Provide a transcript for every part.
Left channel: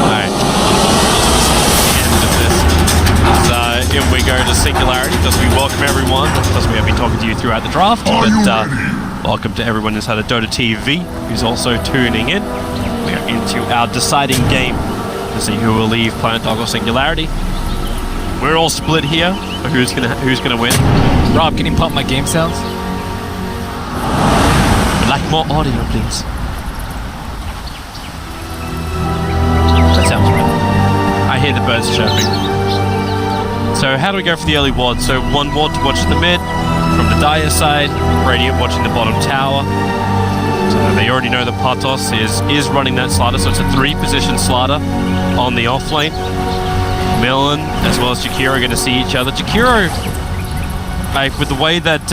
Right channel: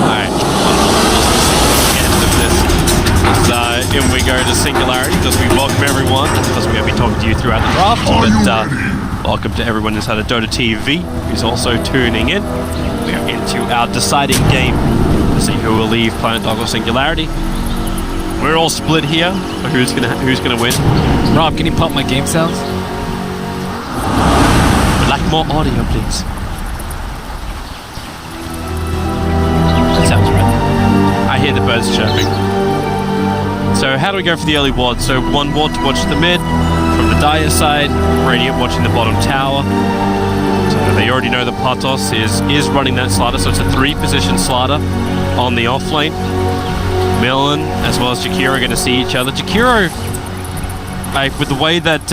Alright, wonderful. We'll see the end of this. In we go to Singularity, because we welcome everyone. Of course, we have been talking to you throughout the draft. Welcome to everyone inside of Dota TV who's also tuning in. We are into our deciding game to see who will leave Planet Dog or Singularity. We're all split here. Who's gonna win? Rob, can you pump my game sounds? We'd like more audio, please. That sounds right. I hear the birds chirping. So how do we go for the early ward? So one ward to watch the mid from the Dire side, Radiant watching the bottom tower. So they already know that Patos is running that Slider, so it's a 3-position Slider on the off lane. Millen as well as Jakiro are going to see each other. Jakiro, like with the way that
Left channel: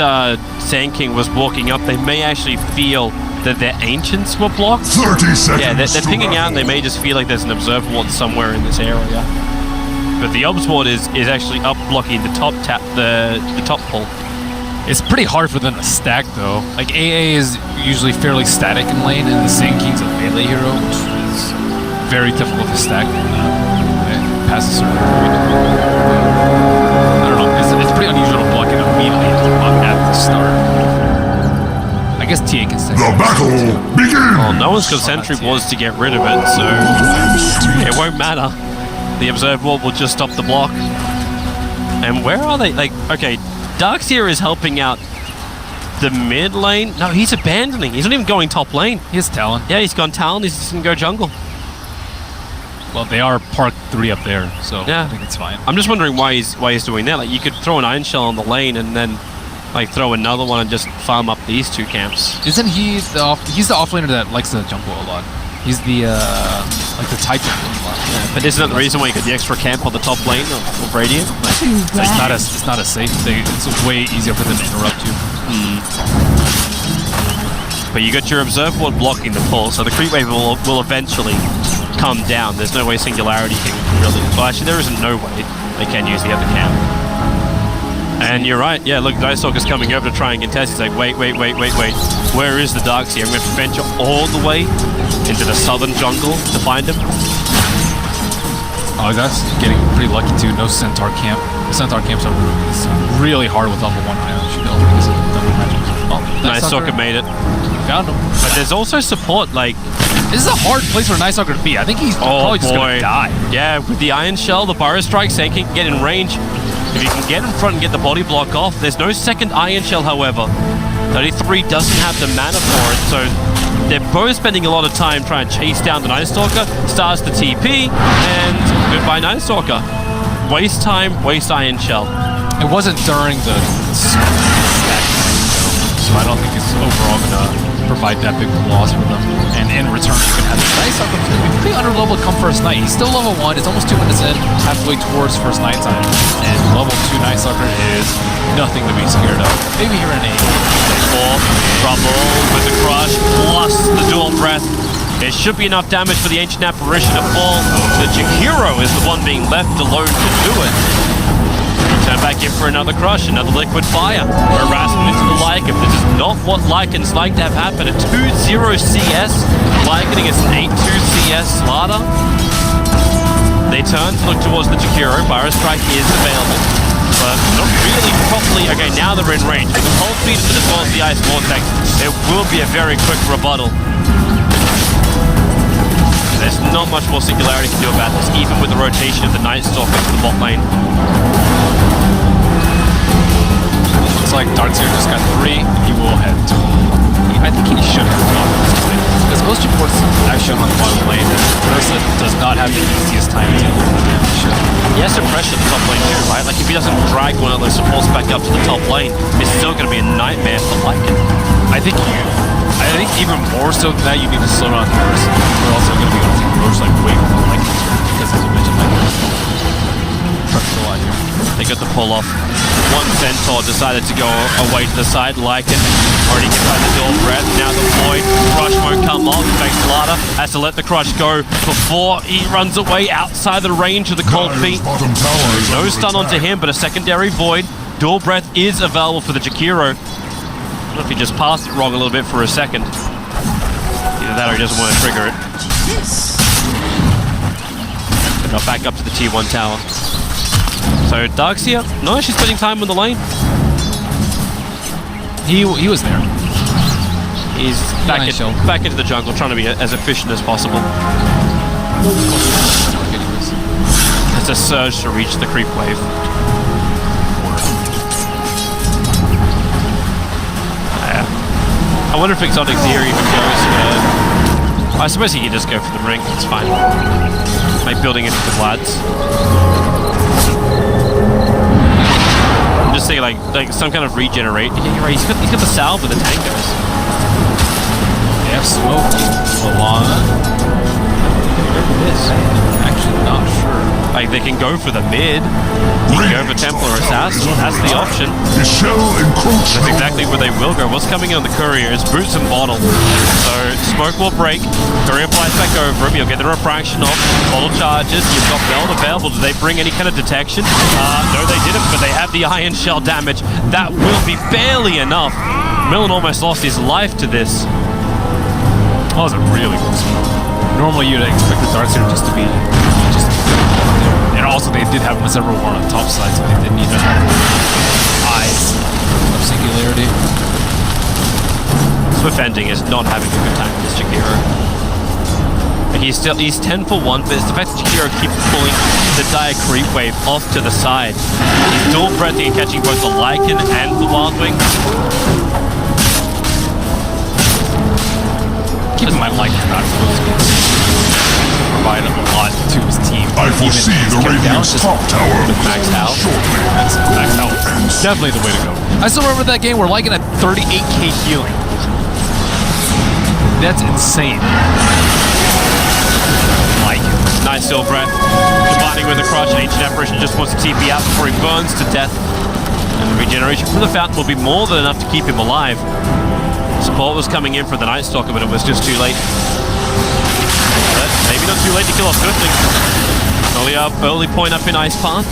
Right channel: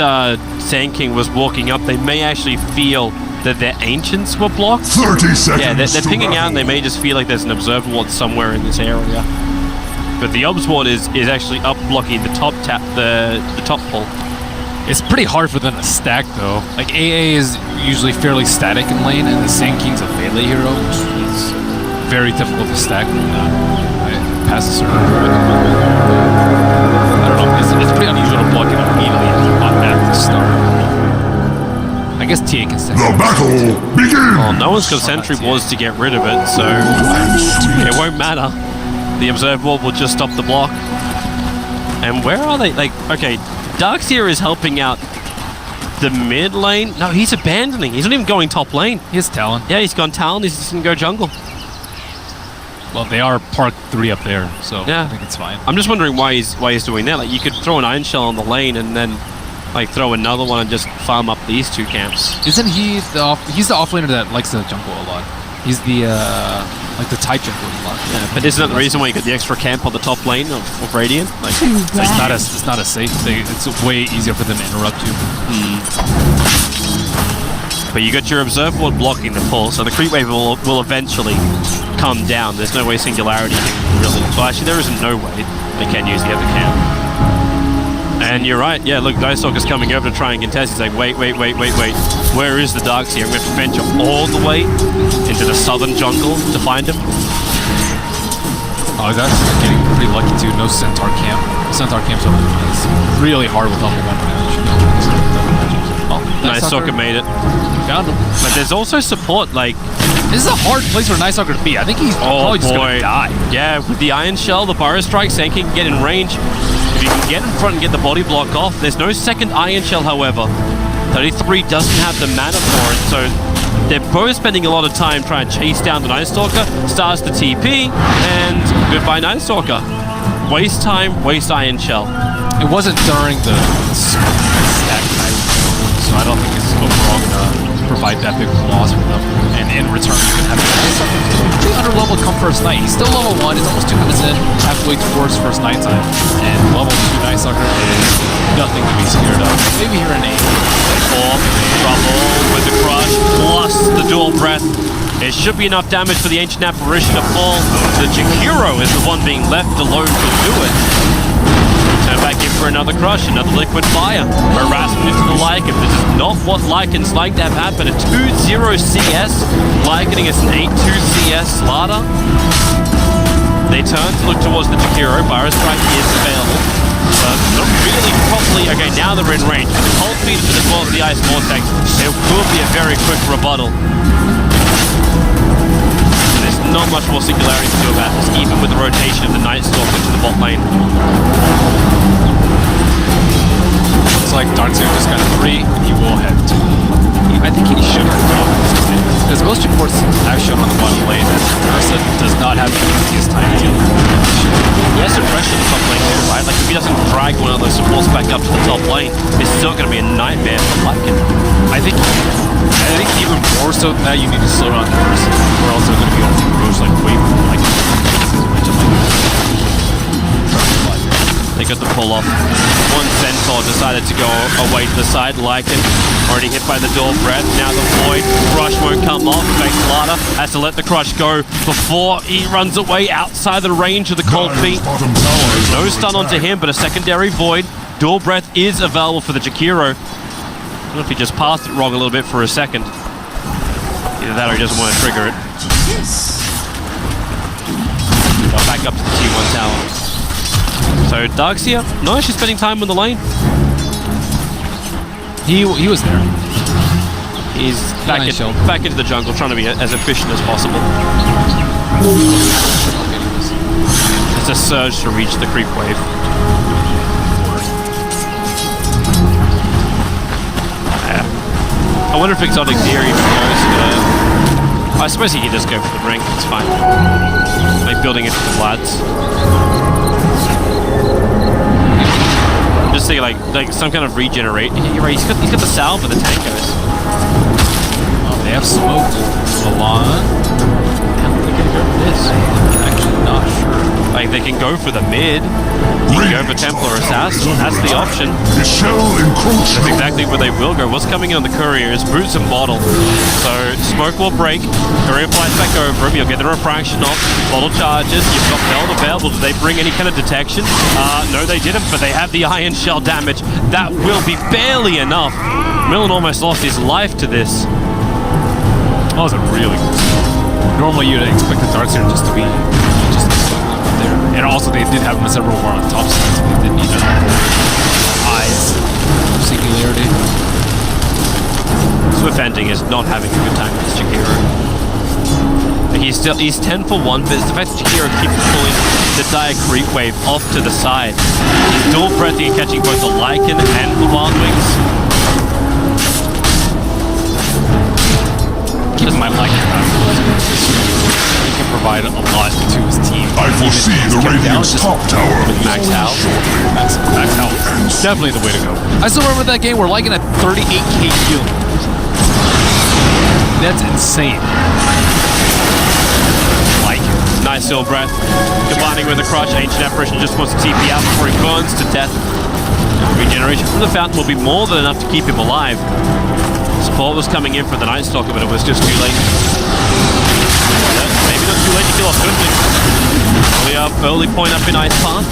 Sand King was walking up, they may actually feel that their ancients were blocked. 30 seconds. Yeah, they're pinging out and they may just feel like there's an observer ward somewhere in this area. But the obs ward is actually up blocking the top the top pull. It's pretty hard for them to stack though. Like AA is usually fairly static in lane, and the Sand King's a melee hero, which is very difficult to stack past a certain point. I don't know. It's pretty unusual to block it immediately at the start. I guess TA can stack. The battle begins! Well, no one's got sentry wards to get rid of it, so it won't matter. The observe ward will just stop the block. And where are they? Like, okay, Darkseer is helping out the mid lane. No, he's abandoning. He's not even going top lane. He has Talon. Yeah, he's gone Talon. He's just gonna go jungle. Well, they are park 3 up there, so yeah. I think it's fine. I'm just wondering why he's doing that. Like, you could throw an Iron Shell on the lane and then like throw another one and just farm up these 2 camps. Isn't he he's the offlaner that likes the jungle a lot? He's the like the tight jungle a lot. Yeah, but isn't that the reason why you got the extra camp on the top lane of Radiant? Like, it's not as safe. It's way easier for them to interrupt you. But you got your observe ward blocking the pull, so the creep wave will eventually come down. There's no way Singularity can really... Well, actually, there isn't no way they can use the other camp. And you're right. Yeah, look, Dystalker's coming over to try and contest. He's like, wait. Where is the Darkseer? I'm going to have to venture all the way into the southern jungle to find him. Oh, that's getting pretty lucky too. No Centaur camp. Centaur camps are really hard with level 1 Ion Shield because of double matchups. Oh, Nice Stalker made it. Found him. But there's also support, like... This is a hard place for Nice Stalker to be. I think he's probably just going to die. Yeah, with the Iron Shell, the Burrow Strike, Sand King can get in range. If you can get in front and get the body block off, there's no second Iron Shell, however. 33 doesn't have the mana for it, so they're both spending a lot of time trying to chase down the Night Stalker. Stars the TP, and goodbye Night Stalker. Waste time, waste Iron Shell. It wasn't during the stack though, so I don't think it's overall gonna provide that big of a loss for them. And in return, you can have this Night Stalker who's gonna be pretty under-leveled come first night. He's still level 1, it's almost 2 minutes in, halfway towards first night time. And level 2 Night Stalker is nothing to be scared of. Maybe here in A. They fall, trouble with the crush, plus the dual breath. It should be enough damage for the Ancient Apparition to fall. The Jakiro is the one being left alone to do it. Turn back in for another crush, another liquid fire. Harassment into the Lycan. This is not what Lycans like to have happen. A 2-0 CS. Lycan against an 8-2 CS Slaughter. They turn to look towards the Jakiro. Burrow Strike is available, but not really properly. Okay, now they're in range. With the cold feed as well as the ice vortex, it will be a very quick rebuttal. there's not much more Singularity can do about this, even with the rotation of the Night Stalker to the bot lane. Looks like Darkseer just got 3, and he will head top. I think he should have top at this point, because most reports have shown on the bottom lane that Ursa does not have the easiest time dealing with that shit. He has to pressure the top lane too, right? Like if he doesn't drag one of those supports back up to the top lane, it's still going to be a nightmare for Lycan. I think even more so than that, you need to slow down the Ursa, or else they're going to be able to Roche like way before Lycan. Because as you mentioned, Lycan is trying a lot here. They got the pull off. One Centaur decided to go away to the side. Lycan already hit by the dual breath. Now the Void. Crush won't come off. Lada has to let the Crush go before he runs away outside the range of the cold feet. No stun onto him, but a secondary Void. Dual breath is available for the Jakiro. I don't know if he just passed it wrong a little bit for a second. Either that or he doesn't want to trigger it. Got back up to the T1 tower. So Darkseer, no, she's spending time on the lane. He was there. He's back into the jungle, trying to be as efficient as possible. Has a surge to reach the creep wave. I wonder if Exotic Deer even goes for... I suppose he can just go for the ring, it's fine. Like building into the Vlads. I'm just thinking like some kind of regenerate. Yeah, you're right, he's got the salve and the tangos. Oh, they have smoked Milan. How are they gonna go with this? I am actually not sure. Like they can go for the mid. You can go for Templar Assassin, that's the option. That's exactly where they will go. What's coming in on the courier is Boots and Bottle. So smoke will break, courier flies back over him, you'll get the refraction off, Bottle charges, you've got Meld available. Do they bring any kind of detection? No they didn't, but they have the Iron Shell damage. That will be barely enough. Millen almost lost his life to this. That was a really good smoke. Normally you'd expect the Darkseer just to be there. And also they did have several war on the top side, so they didn't need to have eyes of Singularity. Swift Ending is not having a good time with this Jakiro. Like he's 10 for 1, but it's the fact that Jakiro keeps pulling the dire creep wave off to the side. He's dual breathing and catching both the Lycan and the Wild Wings. Keep in mind, Lycan's not supposed to be this strong. He can provide a lot to his team. I foresee the Radiant's top tower Max Hal. shortly. Max Hal is definitely the way to go. I still remember that game where Lycan had 38k healing. That's insane. Lycan. Nice still breath. Combining with the Crush, Ancient Apparition just wants to TP out before he burns to death. And the regeneration from the fountain will be more than enough to keep him alive. Support was coming in for the Night Stalker, but it was just too late. But maybe not too late to kill off Swiftling. Early point up in Ice Path.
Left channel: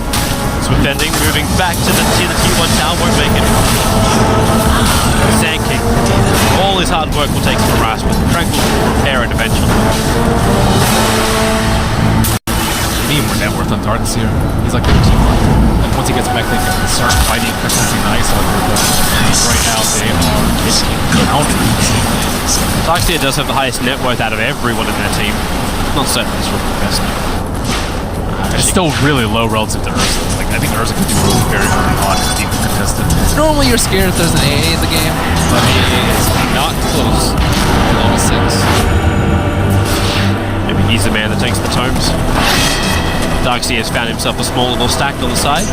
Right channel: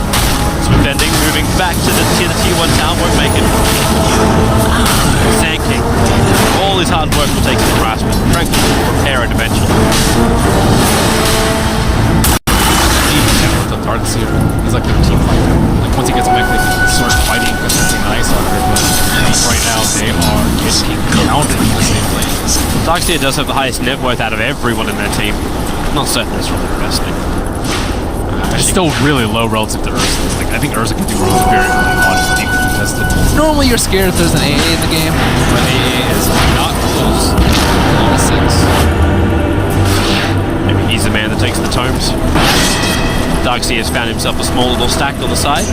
Swift Ending, moving back to the T1 tower, won't make it. Sand King. All his hard work will take some harassment. Tranquil will repair it eventually. Even networked on Darkseer. He's like their team fighter. Like once he gets mech, they can start fighting contesting the Ice Stalker, but right now they are getting pounded in the safe lane. Darkseer does have the highest net worth out of everyone in their team. Not certain that's really the best thing. It's still really low relative to Ursa. Like I think Ursa can do really very early on and deep contested. Normally you're scared if there's an AA in the game, but AA is not close to level 6. Maybe he's the man that takes the tomes. Darkseer has found himself a small little stack on the side.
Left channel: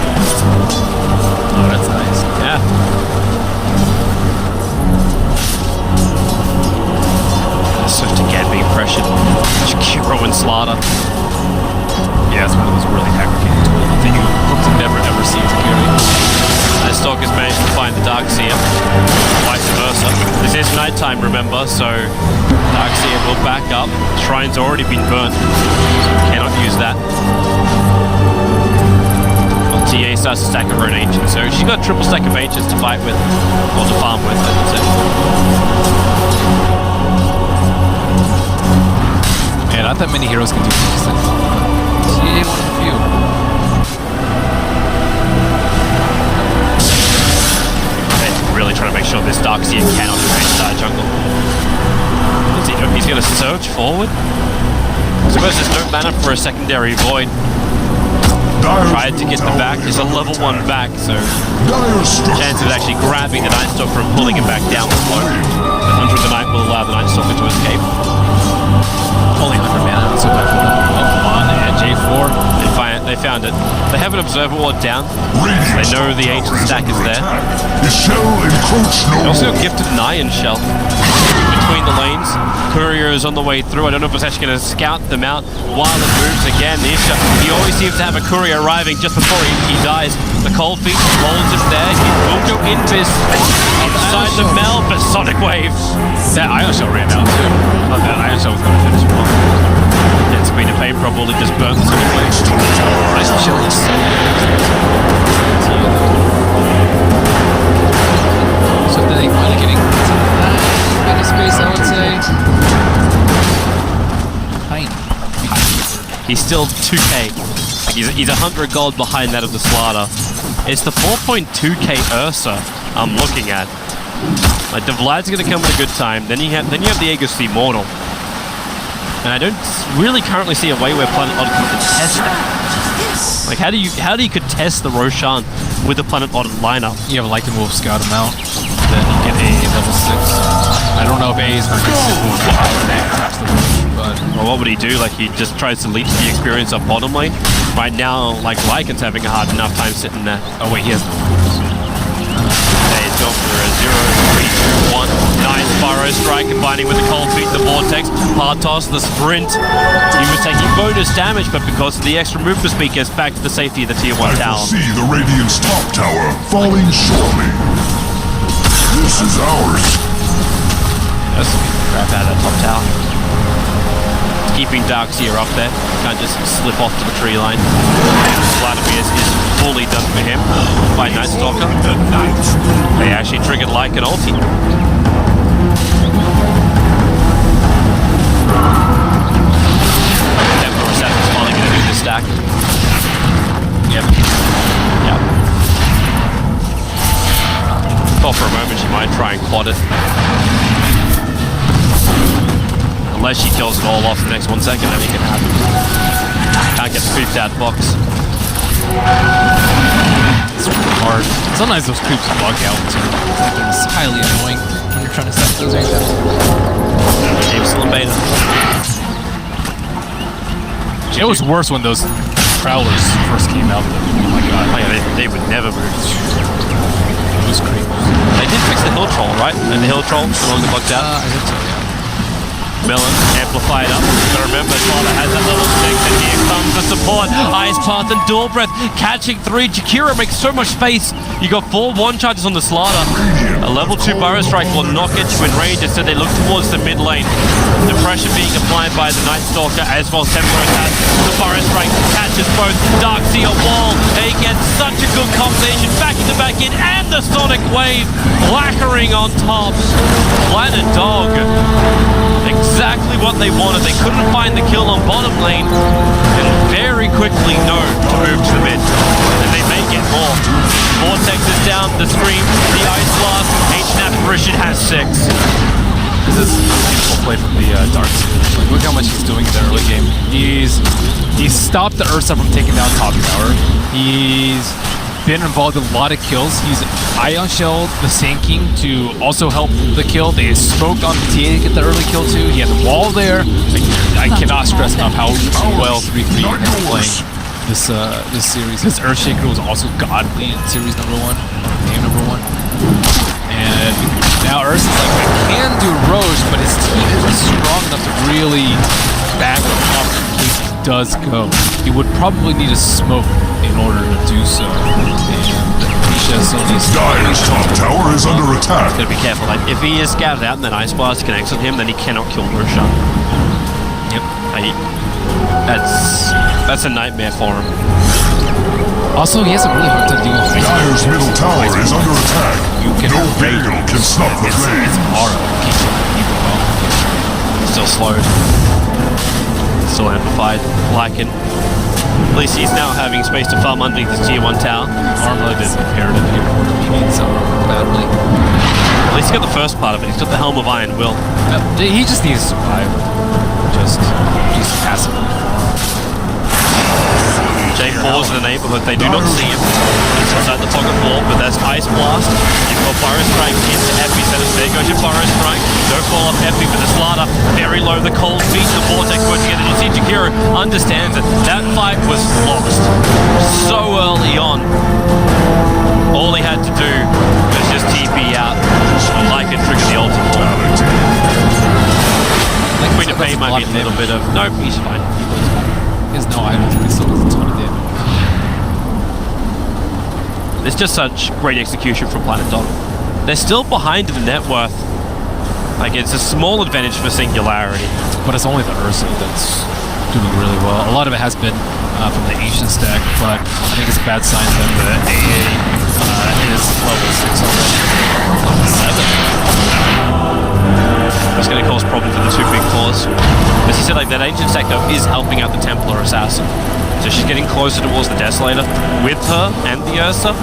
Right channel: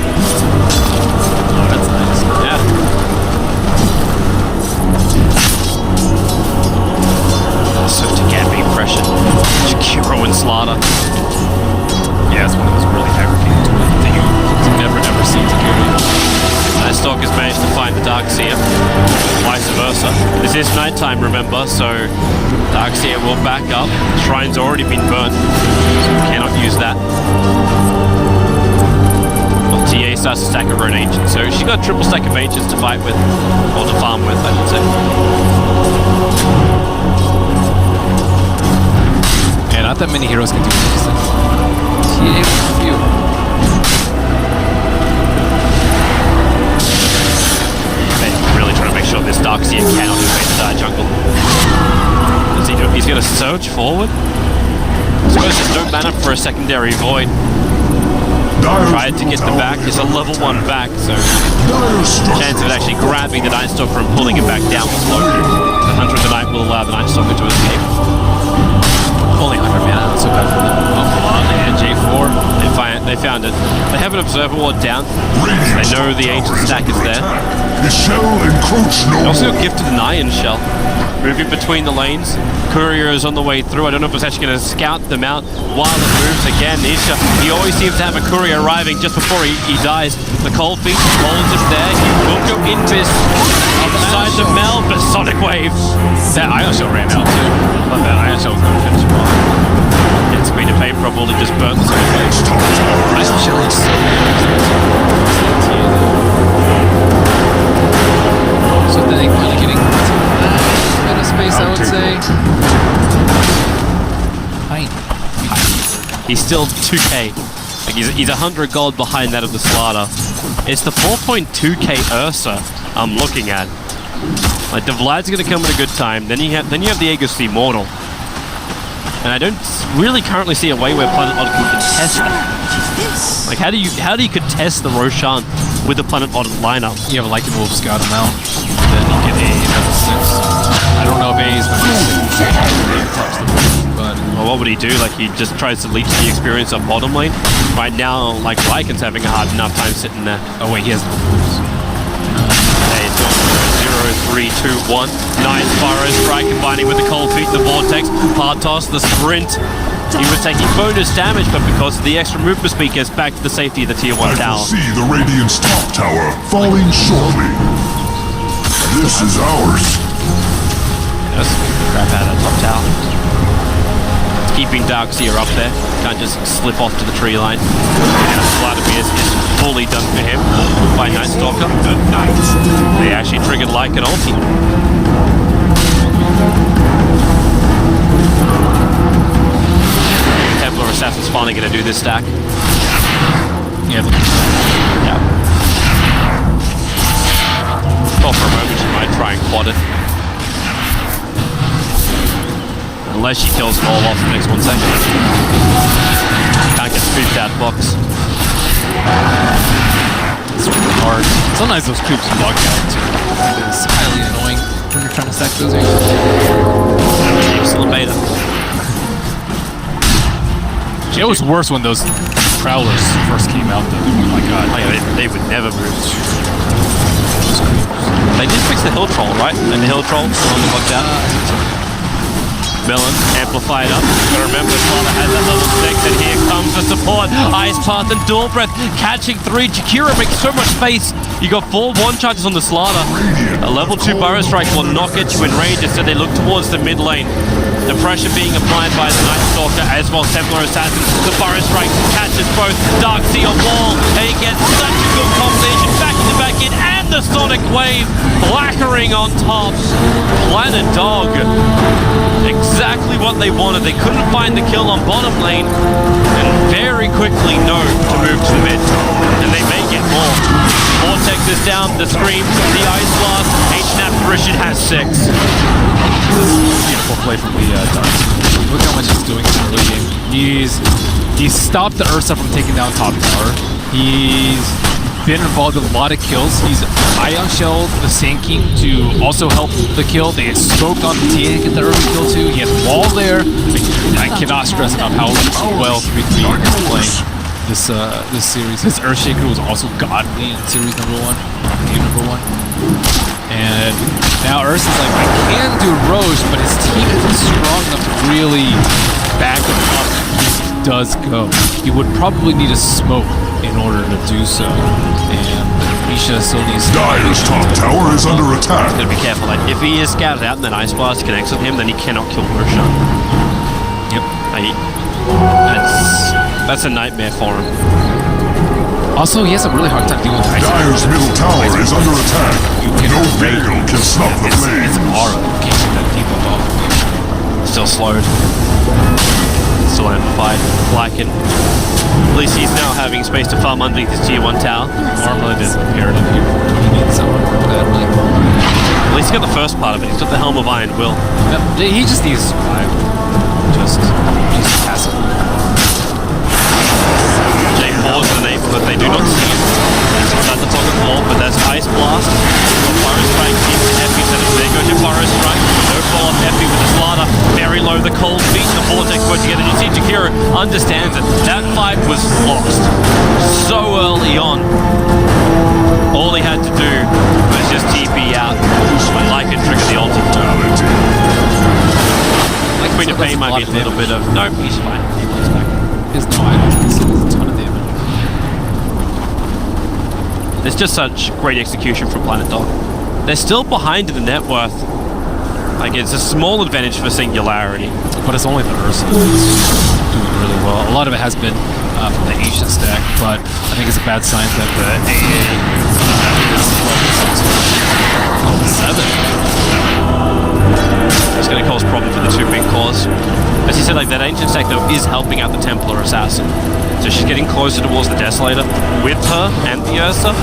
Oh, that's nice. Yeah. Swift again being pressured. Jakiro and Slaughter. Yeah, it's one of those really aggregating tools that you hope to never ever see as a carry. As Stalker's managed to find the Darkseer, vice versa. This is nighttime, remember, so Darkseer will back up. Shrine's already been burnt, so we cannot use that. Well, TA starts to stack her own Ancients, so she's got a triple stack of Ancients to fight with, or to farm with, I should say. Yeah, not that many heroes can do this anymore, but TA one of the few. They are really trying to make sure this Darkseer cannot invade the dire jungle. What is he doing? He's going to surge forward suppose there's no mana for a secondary void. Dire's Tried to middle get the tower back. is It's a under level 1 attack. back, so Dire's chance of structures actually are grabbing the fortified. Night Stalker and pulling it back down was low. But Hunter of the Night will allow the Night Stalker to escape. Only 100 mana, not so bad for them. Oh, Milan and J4. They found it. They have an Observer Ward down. Radiant's They know top the tower ancient stack is under there. attack. His shell encroach no They also more. gifted an Iron Shell. Moving between the lanes. Courier is on the way through. I don't know if it's actually going to scout them out while it moves again. Nisha, he always seems to have a courier arriving just before he dies. The Cold Feet holds him there. He will go Invis inside the Mel, but Sonic Wave. That Ion Shell ran out too. I thought that Ion Shell was going to finish him off. And Screen of Pain probably just burnt the Sonic Wave. Radiant's top tower is Ion Shell under is so good for TA though. So then they finally getting a tiny bit of space, I would say. Tiny. He's still 2k. Like he's 100 gold behind that of the Slaughter. It's the 4.2k Ursa I'm looking at. Like the Vlad's gonna come at a good time. Then you have the Aegis the Immortal. And I don't really currently see a way where Planet Odd can contest that. Like how do you contest the Roshan with the Planet Odd lineup? You have a Lycan Wolf scout him out, then you get A level 6. I don't know if A is going to get 6 moves before he attacks the Ridge, but... Well, what would he do? Like he just tries to leech the experience up bottom lane? Right now, like Lycan's having a hard enough time sitting there. Oh wait, he has no wolves. Hey, it's gone for a 0, 3, 2, 1. Nice Pyro Strike combining with the Cold Feet and the Vortex. Partos, the sprint. He was taking bonus damage, but because of the extra movement speed, gets back to the safety of the Tier 1 I tower. foresee the Radiant's top tower falling shortly. This is ours. Let's beat the crap out of that top tower. Keeping Darkseer up there. Can't just slip off to the tree line. Vladimir is fully done for him by Night Stalker. They actually triggered like an ulti. Templar Assassin's finally going to do this stack. Yeah. Yep. Thought for a moment she might try and quad it. Unless she kills it all off in the next 1 second. Can't get creeped out of the box. It's really hard. Sometimes those creeps bug out too. That is highly annoying when you're trying to stack those ancients. Game's still in beta. It was worse when those Prowlers first came out though. Oh my god. Oh yeah, they would never move. Those creeps. They did fix the hill troll, right? And the hill troll no longer bugged out. I think so, yeah. Melon, amplify it up. But remember, Slaughter has that level 6, and here comes the support. Ice Path and Dual Breath catching 3. Jakiro makes so much space. You got 4 1-charges on the Slaughter. A level 2 Burrow Strike will not get you in range, instead they look towards the mid lane. The pressure being applied by the Night Stalker as well as Templar Assassin. The Burrow Strike catches both. Darkseer wall, and he gets such a good combination. Backing the back in, and the Sonic Wave blackering on top. Planet Dog. Exactly what they wanted. They couldn't find the kill on bottom lane, and very quickly know to move to the mid. And they may get more. Vortex is down, the Scream, the Ice Blast, Ancient Apparition has 6. This is beautiful play from the Darkseer. Like, look how much he's doing in the early game. He's stopped the Ursa from taking down top tower. He's been involved in a lot of kills. He's Ion Shelled the Sand King to also help the kill. They smoked on the TA to get the early kill too. He has a wall there. I cannot stress enough how well 3-3 is playing this series. His Earthshaker was also godly in series number 1, game number 1. And now Ursa's like, I can do Roche, but his team isn't strong enough to really back him up in case he does go. He would probably need a smoke in order to do so, and Misha still needs to... Dire's top tower is under attack. Gotta be careful. Like, if he is scouted out and then Ice Blast connects with him, then he cannot kill Roshan. Yep. That's a nightmare for him. Also, he has a really hard time dealing with Ice. Dire's middle tower is under attack. No gale can stop the It's flames. an aura. You can't get that debuff off of you. Still slowed. Still amplified. Lycan. At least he's now having space to farm underneath his Tier 1 tower. Armlet is imperative here for him. He needs the armor badly. At least he got the first part of it. He's got the Helm of Iron Will. He just needs to survive. just passively farm. J4's in the neighborhood. They do not see him. He's inside the fog of war, but there's Ice Blast. You've got Burrow Strike into Epicenter. There goes your Burrow Strike. No fall off Epi, but the Slaughter very low. The cold feet, the Vortex work together. You see Jakiro understands it. That fight was lost so early on. All he had to do was just TP out when Lycan triggered the ulti for him. Like Queen of Pain might be a little bit of... No, he's fine. He blinks back. He has no items, but he still does a ton of damage. It's just such great execution from Planet Dog. They're still behind in the net worth. Like, it's a small advantage for Singularity. But it's only the Ursa that's doing really well. A lot of it has been from the Ancient stack, but I think it's a bad sign that the AA is level 6 already. Level 7. That's going to cause problem for the two big cores. As he said, like, that Ancient stack, though, is helping out the Templar Assassin. So she's getting closer towards the Desolator. With her and the Ursa,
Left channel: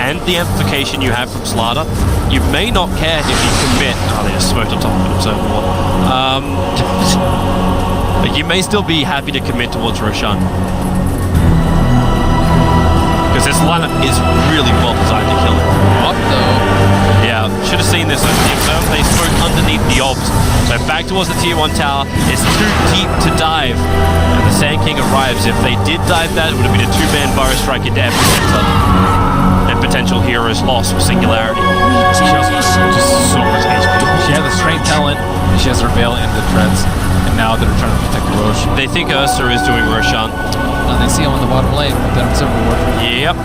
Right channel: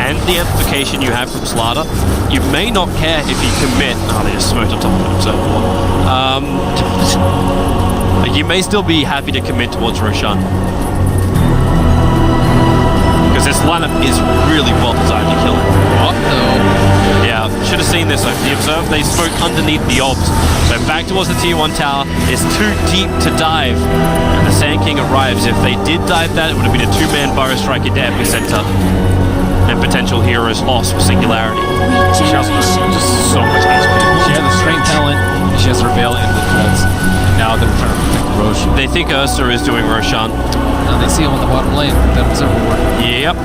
and the amplification you have from Slaughter, you may not care if you commit... Oh, they just smoked on top of an Observer one. Like, you may still be happy to commit towards Roshan. Because this lineup is really well designed to kill him. What, though? Yeah, should have seen this. The Observer, they smoked underneath the Obs. So back towards the Tier 1 tower. It's too deep to dive. And the Sand King arrives. If they did dive that, it would have been a two-man Burrow Strike into Epicenter. And potential heroes lost for Singularity. She also has just so much HP. She has a Strength Talent, and she has her Veil into the Treads. And now they're trying to protect the Rosh. They think Ursa is doing Roshan. Oh, now they see him on the bottom lane with that Observer Ward. Yep.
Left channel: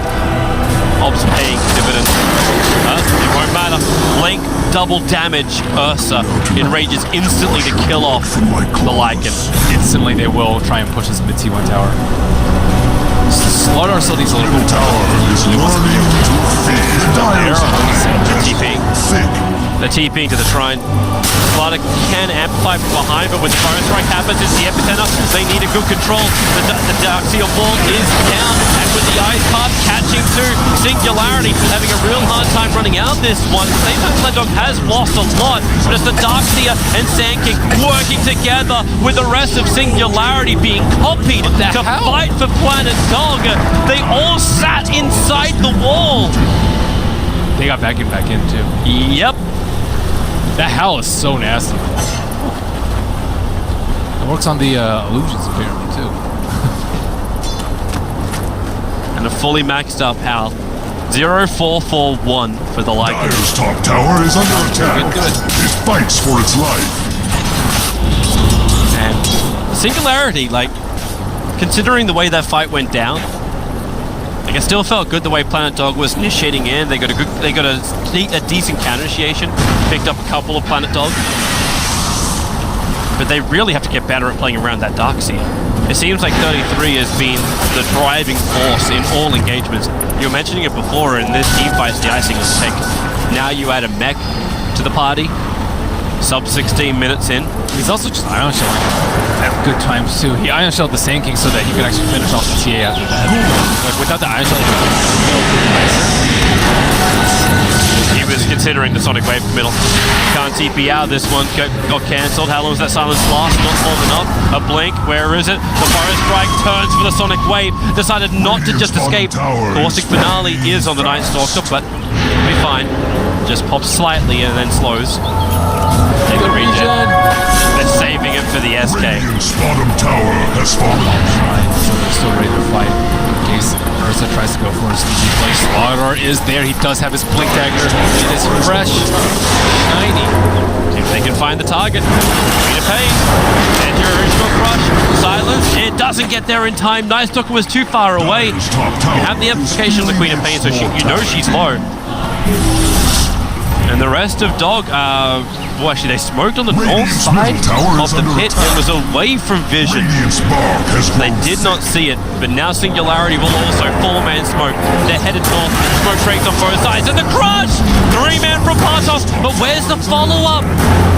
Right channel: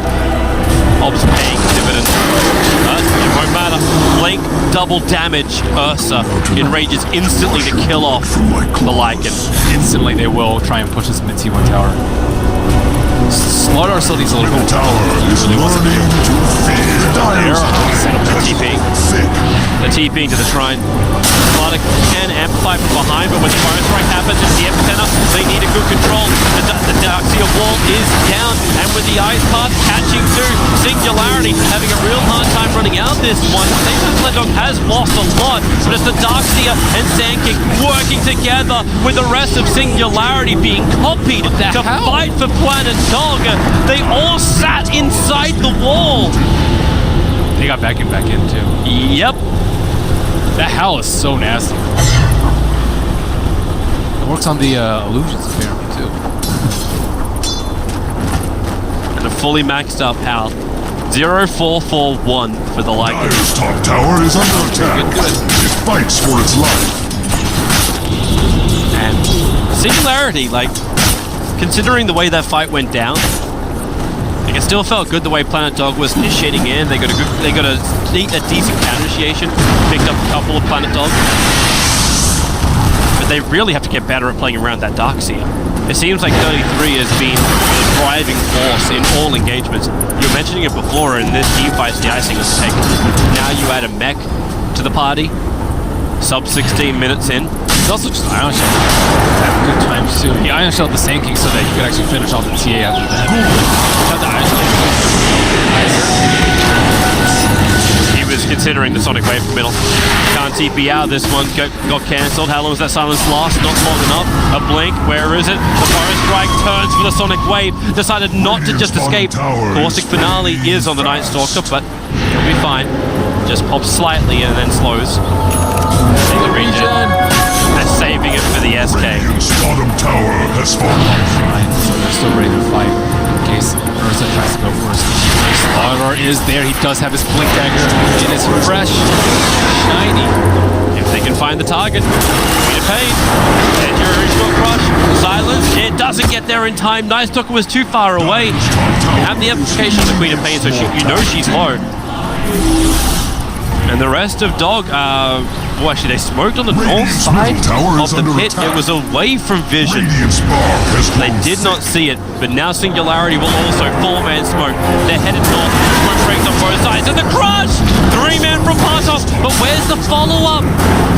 Ob's paying dividends. It won't matter. Blink, double damage. Ursa enrages instantly to kill off the Lycan. Instantly they will try and push this mid T1 tower. Slaughter still needs a little bit of Tower is learning to fear. Set up the TP. The TPing to the shrine. Slaughter can amplify from behind, but when the Burrow Strike happens into the Epicenter, they need a good control. The Darkseer wall is down, and with the Ice Path catching to Singularity, having a real hard time running out this one. At the same time, Planet Dog has lost a lot, but it's the Darkseer and Sand King working together with the rest of Singularity being copied to fight for Planet Dog. They all sat inside the wall. They got back in too. Yep. That Howl is so nasty, bro. It works on the illusions apparently too. And a fully maxed up Howl. 0-4-4-1 for the Lycan. Dire's top tower is under attack. It fights for its life. And Singularity, like, considering the way that fight went down, like, it still felt good the way Planet Dog was initiating in. They got a decent counter initiation, picked up a couple of Planet Dog. But they really have to get better at playing around that Darkseer. It seems like 33 has been the driving force in all engagements. You were mentioning it before, in this team fight's the icing on the cake. Now you add a mech to the party, sub 16 minutes in. He's also just Ion Shelling at good times too. He Ion Shelled the Sand King so that he could actually finish off the TA after that. Like, without the Ion Shelling, he wouldn't kill either. He was considering the Sonic Wave committal. Can't TP out. This one got cancelled. How long does that silence last? Not long enough. A blink. Where is it? The Burrow Strike turns for the Sonic Wave. Decided not to just escape. Caustic Finale is on the Night Stalker, but he'll be fine. Just pops slightly and then slows. The regen. They're saving it for the SK. Radiant's bottom tower has fallen. Shrine, so they're still ready to fight in case Ursa tries to go for a sneaky play. Slaughter is there. He does have his blink dagger. It is fresh, shiny. If they can find the target, Queen of Pain. And your original crush. Silence. It doesn't get there in time. Night Stalker was too far away. You have the amplification of the Queen of Pain, so you know she's low. And the rest of Dog, well, actually, they smoked on the north side of the pit. It was away from vision. They did not see it, but now Singularity will also four-man smoke. They're headed north. Smoke breaks on both sides, and the crush! Three-man from Partos, but where's the follow-up?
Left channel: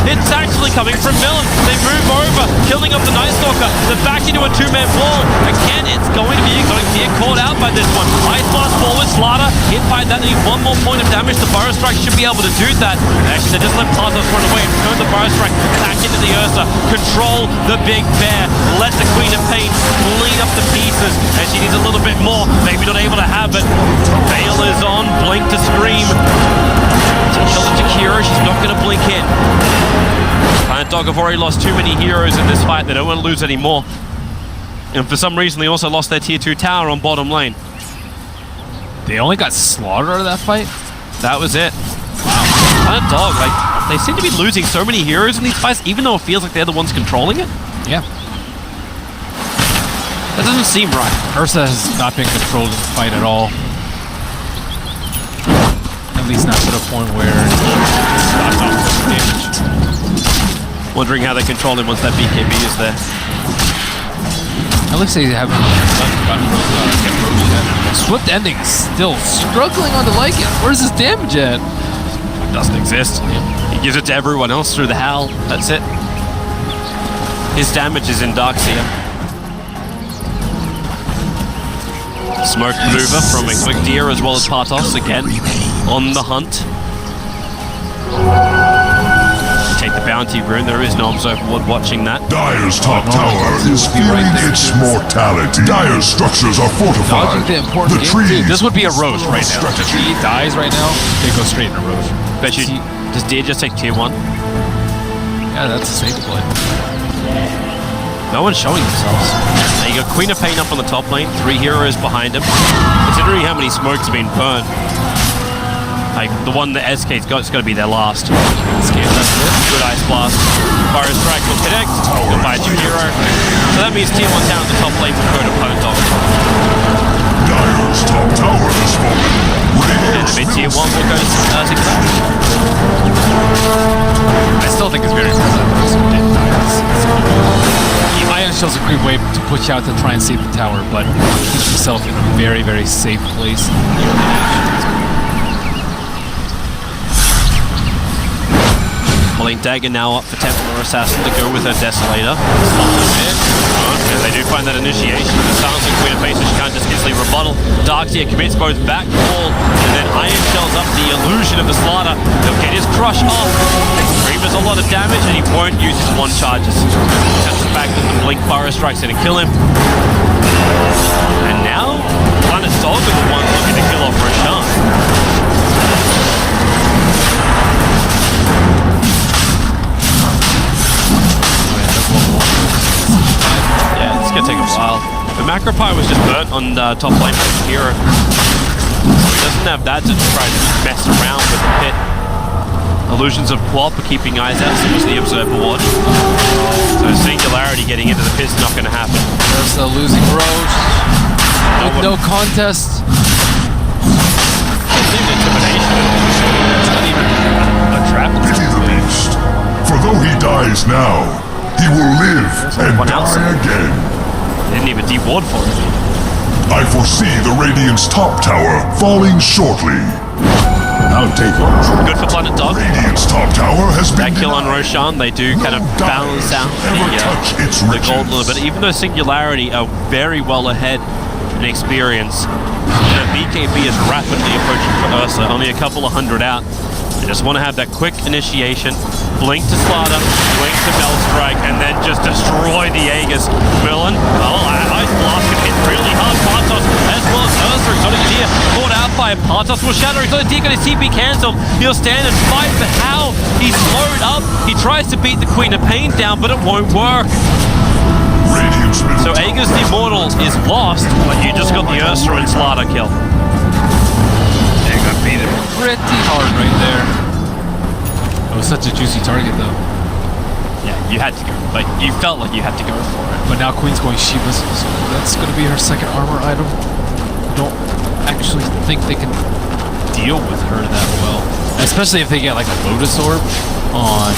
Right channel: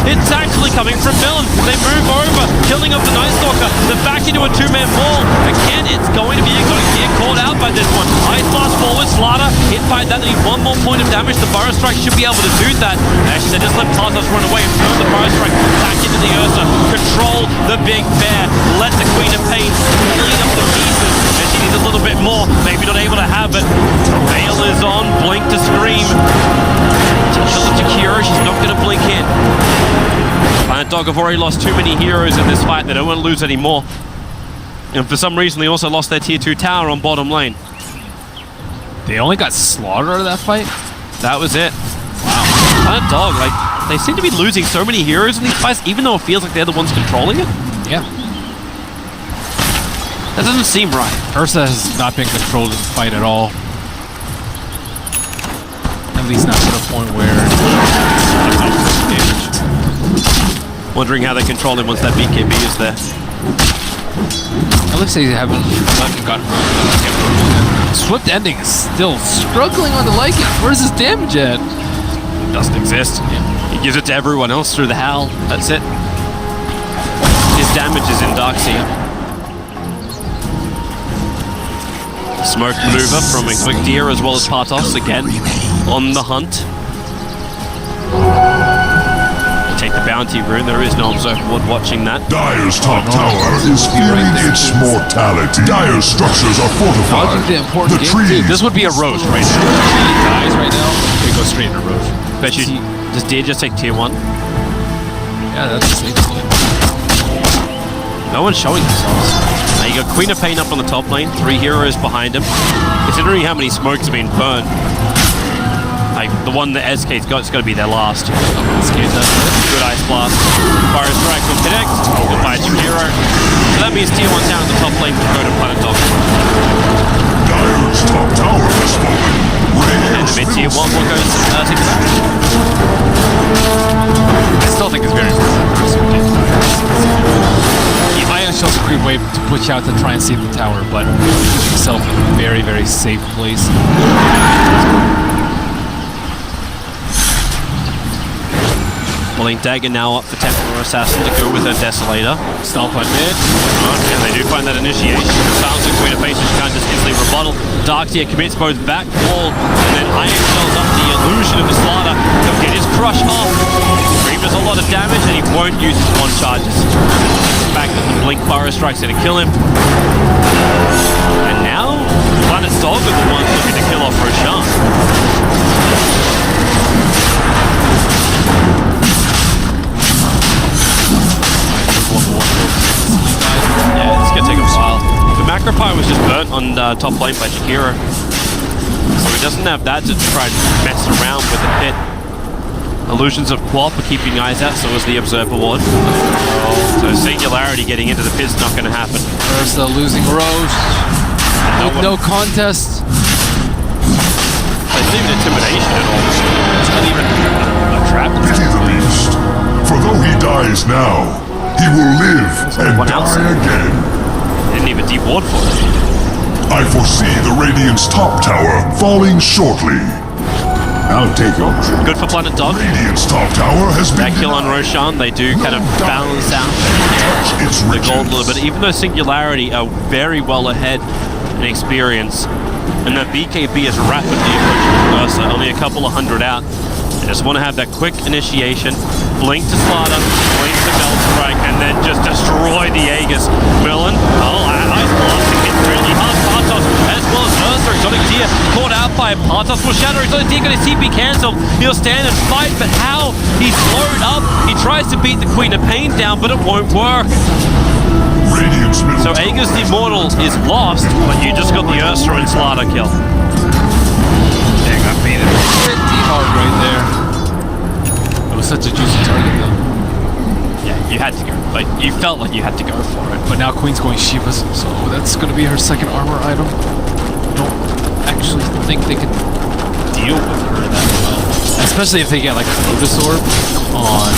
It's actually coming from Millen. They move over, killing off the Night Stalker. They're back into a two-man wall. Again, it's going to be exotic gear caught out by this one. Ice Blast forward, Slaughter hit by that. They need one more point of damage. The Burrow Strike should be able to do that. Actually, they just let Partos run away and turn the Burrow Strike back into the Ursa. Control the Big Bear. Let the Queen of Pain clean up the pieces. And she needs a little bit more. Maybe not able to have it. Veil is on. Blink to scream. To kill the Jakiro, she's not going to blink in. Planet Dog have already lost too many heroes in this fight. They don't want to lose any more. And for some reason, they also lost their tier 2 tower on bottom lane. They only got slaughtered out of that fight? That was it. Wow. Planet Dog, like, they seem to be losing so many heroes in these fights, even though it feels like they're the ones controlling it. Yeah. That doesn't seem right. Ursa has not been controlled in the fight at all. At least not to the point where it's not output damage. Wondering how they control him once that BKB is there. At least they haven't gotten get Roche yet. Swift Ending is still struggling on the Lycan. Where's his damage at? Doesn't exist. Yep. He gives it to everyone else through the Howl. That's it. His damage is in Darkseer. Smoke maneuver from Exotic Deer as well as Partos again on the hunt. They take the bounty rune. There is no Observer Ward watching that. Dire's top tower is fearing its mortality. Dire's structures are fortified. Dodging the important game too. This would be a Roche right now. If he dies right now, they go straight into Roche. Bet you, does Deer just take tier 1? Yeah, that's a safe play. No one's showing themselves. Now you got Queen of Pain up on the top lane, 3 heroes behind him. Considering how many smokes have been burnt, like the one that SK's got, it's got to be their last. Scan that hit. Good Ice Blast. Fire Strike will connect. Goodbye Jakiro. So that means tier 1 down on the top lane will go to Planet Dog. Dire's top tower has fallen. And the mid tier 1 will go to Singularity. I still think it's very impressive that Darkseer didn't die in this area. Ion Shell's a creep wave to push out to try and save the tower, but keeps himself in a very, very safe place. Pulling Dagger now up for Templar Assassin to go with her Desolator. Stomp by mid. And they do find that initiation. The sounds of Queen of Pain, so she can't just instantly rebuttal. Darkseer commits both back wall and then Iron Shells up the illusion of the Slaughter. He'll get his crush off. Scream does a lot of damage and he won't use his 1 charges. That's the fact that the Blink Burrow Strike's going to kill him. And now, Planet Dog are the ones looking to kill off Roshan. Yeah, it's gonna take a while. The Macropie was just burnt on top lane by Jakiro. So he doesn't have that to try and mess around with the pit. Illusions of Quap are keeping eyes out, so was the Observer Ward. So Singularity getting into the pit's not gonna happen. Ursa losing Roche. With no contest. It's not even intimidation at all. It's not even a trap. Pity the beast. For though he dies now, he will live and die again. They didn't even de-ward for it. I foresee the Radiant's top tower falling shortly. I'll take over. Good for Planet Dog. Radiant's top tower has been that kill on denied. Roshan, they do kind of balance out the gold a little bit. Even though Singularity are very well ahead in experience, and that BKB is rapidly approaching Ursa, only a couple of hundred out. They just want to have that quick initiation. Blink to Slaughter, blink to Mel Strike, and then just destroy the Aegis. Millen, Ice Blast can hit really hard. Partos, as well as Ursa. Exotic Deer caught out by Partos. Will Shadow. Exotic Deer got his TP cancelled. He'll stand and fight, but how? He's slowed up. He tries to beat the Queen of Pain down, but it won't work. So Aegis the Immortal is lost, but you just got the Ursa and Slaughter kill. They got beat him pretty hard right there. It was such a juicy target, though. Yeah, you had to go. Like, you felt like you had to go for it. But now Queen's going Shivas, so that's going to be her second armor item. I don't actually think they can deal with her that well. Especially if they get, like, a Lotus Orb on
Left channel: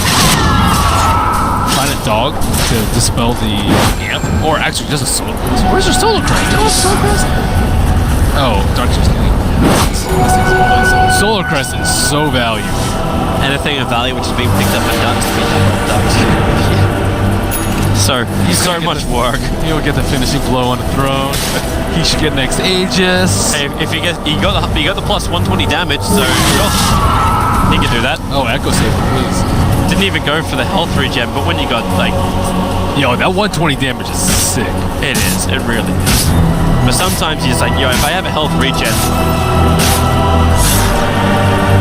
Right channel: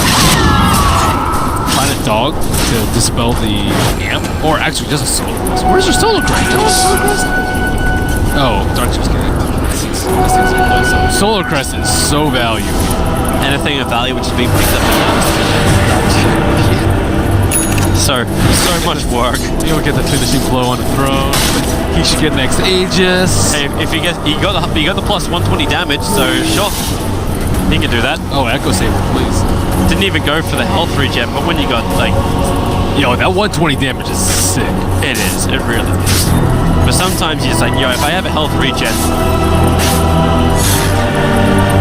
Planet Dog to dispel the Amp. Or actually, just a Solar Crest. Where's her Solar Crest? They don't have Solar Crest? Oh, Dark just kidding. This seems to be playing so. Solar Crest is so value here. anything of value which is being picked up and done is being done by the Ducks. So, so much work. He'll get the finishing blow on the throne. He should get next Aegis. Hey, if he got the plus 120 damage, so sure, he could do that. Oh, Echo Saber, please. Didn't even go for the health regen, but when you got like, yo, that 120 damage is sick. it is, it really is. But sometimes you're just like, yo, if I have a health regen,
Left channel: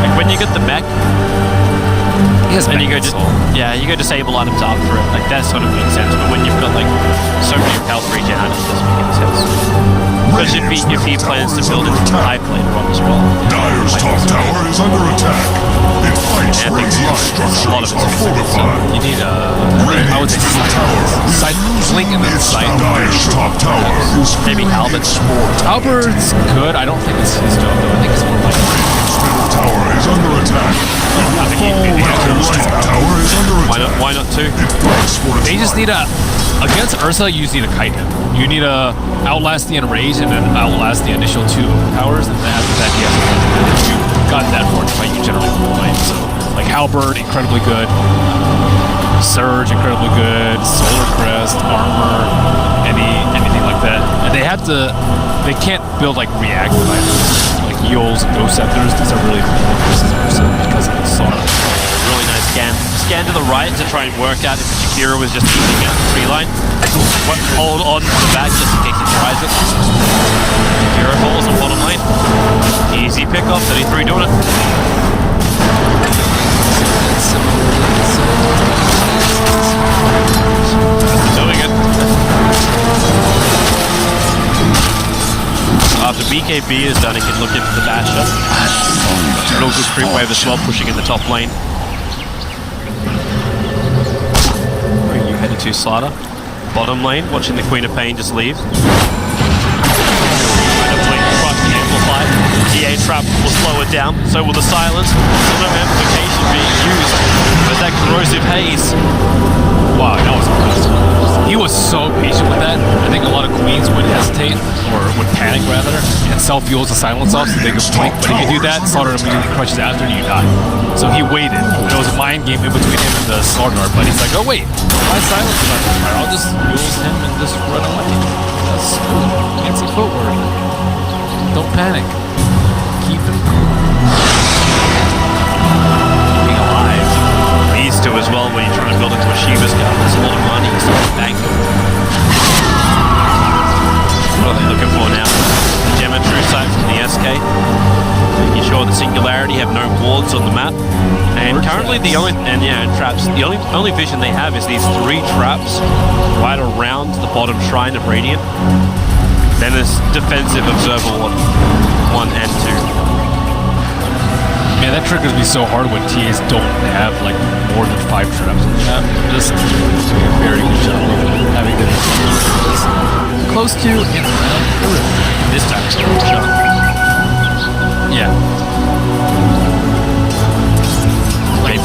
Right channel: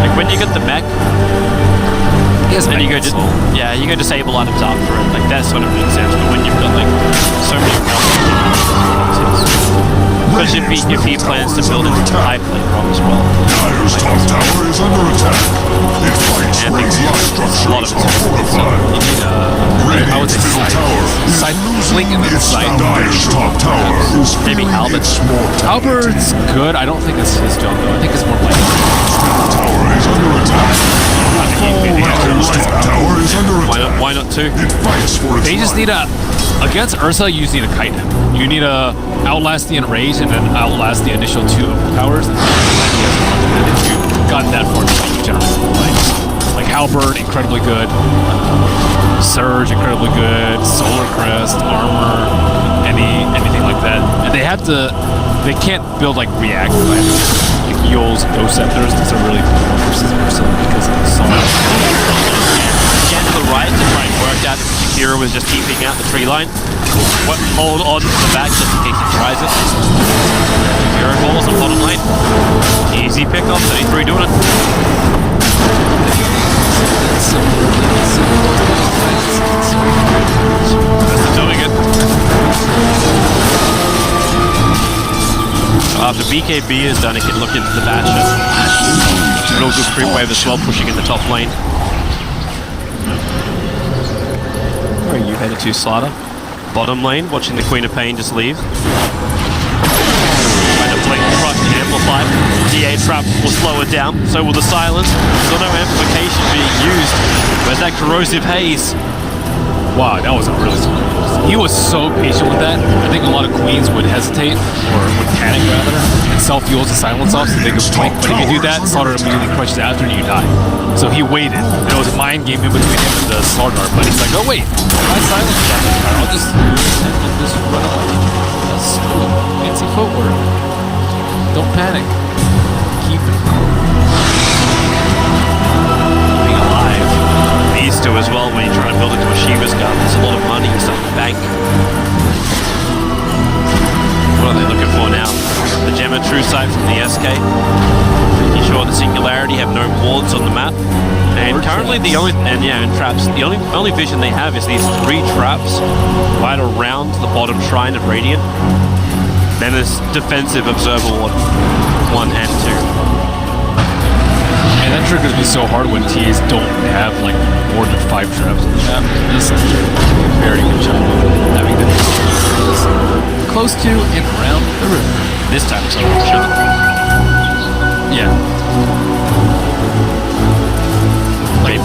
like when you get the mech, He has and you go soul. you go disable items after it, like that sort of makes sense. But when you've got like so many health regen items, it doesn't make any sense. Especially if he plans to build into the pipe later on as well. Dire's top tower is under attack. It fights Yeah, radiant a lot of structures it's are physical, so fortified. You need I would say Radiant's middle tower is sight, losing blink and then its sight. Dire's top tower is Maybe feeling Halberd. its mortality. Halberd's good. I don't think that's his job though. I think it's more like Middle tower is under attack. It will fall Dire's top tower is under attack. Why not two? It fights for its they just life. need against Ursa. You just need to kite him. You need to outlast the enrage and then outlast the initial 2 overpowers, and then after that he has to run. And then if you've gotten that far in the fight, you generally win the fight. So like Halberd, incredibly good. Surge, incredibly good. Solar Crest, armor, anything like that. And they can't build like reactive items like Eels, Ghost Scepters. These are really poor versus Ursa because of the song. Really nice scan. Scan to the right to try and work out if Shakira was just keeping out the tree line. Hold on to the back just in case he tries it. And Shakira falls on bottom lane. Easy pickup, 33 doing it. Similarly, so close to his eyes. That's the doing it. After BKB is done, he can look into the Basher. Real good creep wave as well, pushing in the top lane. Where are you headed to, Slider? Bottom lane, watching the Queen of Pain just leave. Trying to blink, crush to amplify. DA trap will slow it down, so will the silence. Still no amplification being used. Where's that corrosive haze? Wow, that was a really smart. He was so patient with that. I think a lot of queens would hesitate, or would panic rather, and self-fuels the silence off so they could blink. But if you do that, Slaughter immediately crushes after and you die. So he waited. There was a mind game in between him and the Slaughter, but he's like, oh wait, my silence is not fire. I'll just use him and just run away. That's smooth. Fancy footwork. Don't panic. Keep him cool. Keeping alive. Needs to as well when you're trying to build into a Shiva's gun. There's a lot of money you start to bank. What are they looking for now? The Gemma True Sight from the SK. Making sure the Singularity have no wards on the map. And Or currently traps. and traps. The only vision they have is these 3 traps right around the bottom shrine of Radiant. Then there's defensive Observer Ward 1 and 2. Man, that triggers me so hard when TAs don't have like more than 5 traps on the map. Just doing a very good job of having them keep this close to and around the river. This time it's a one shot. Yeah.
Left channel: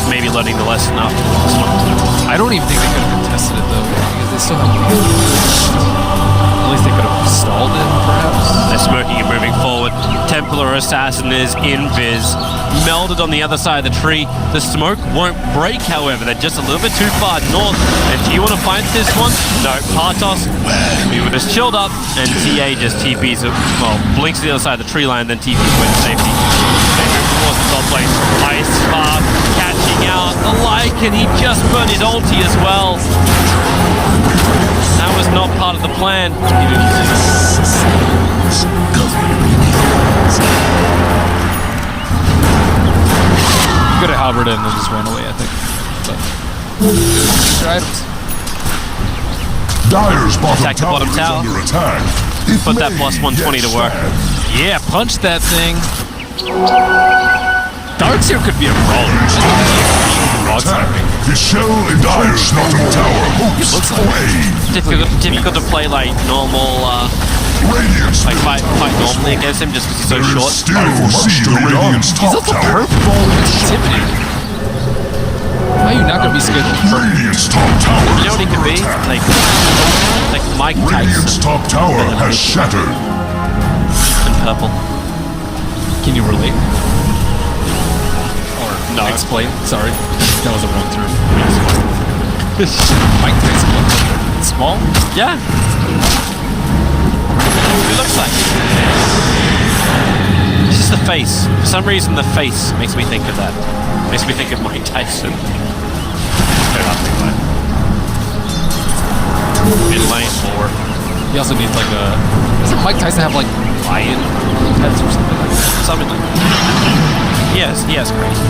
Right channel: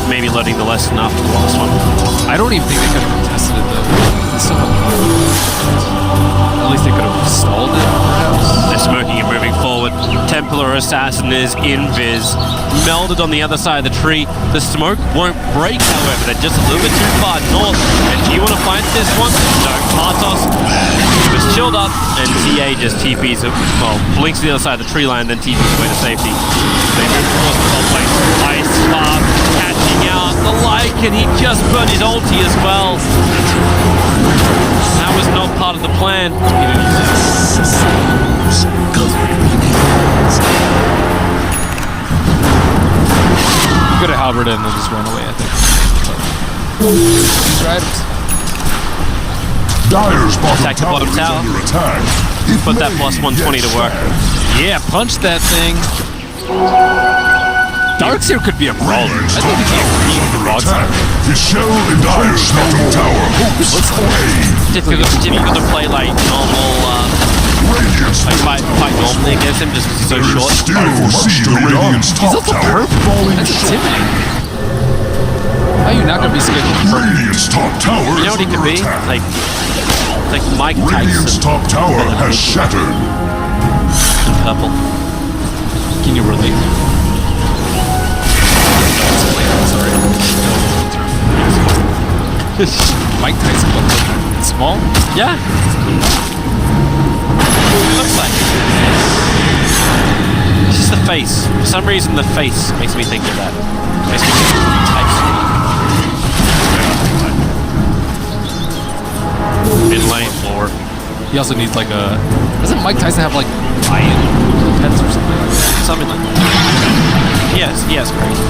Maybe learning the lesson after the last one. I don't even think they could have contested it though, because they still have 1 hero down. At least they could have stalled it, perhaps. They're smoking and moving forward. Templar Assassin is invis. Melded on the other side of the tree. The smoke won't break, however. They're just a little bit too far north. And do you want to fight this one? No. Partos, we were just chilled up. And TA just TPs, well, blinks to the other side of the tree line, then TPs away to safety. They move towards the top lane. Ice Spark catching out the Lycan. He just burned his ulti as well. That was not part of the plan. He didn't use it. You could have halberd it and then just ran away, I think. But these are items. Dire's Attack the bottom is tower. under attack. It Put that may plus 120 get to work. stabbed. Yeah, punch that thing. Darkseer could be a brawler. I think he'd be a queen Under attack. broadsiring. His shell in Dire's bottom tower hopes looks for aid. Difficult to play like normal, Radiant's like middle fight tower is normally against him just because he's so There is short. still much to be done. He's also purple. falling That's short. intimidating. How are you not gonna be scared of purple? Radiant's top tower You know what he is could under be? attack. Like Mike Radiant's Tyson top tower has shattered. in purple. Can you relate? Explain. Sorry, that was the wrong term. It's fine. Mike Tyson looked like it's small. Yeah. That's what he looks like. It's just the face. For some reason, the face makes me think of that. Makes me think of Mike Tyson. Fair enough, anyway. In lane. Lore. He also needs like a. Doesn't Mike Tyson have like lion pets or something like that? Something like that. He has crazy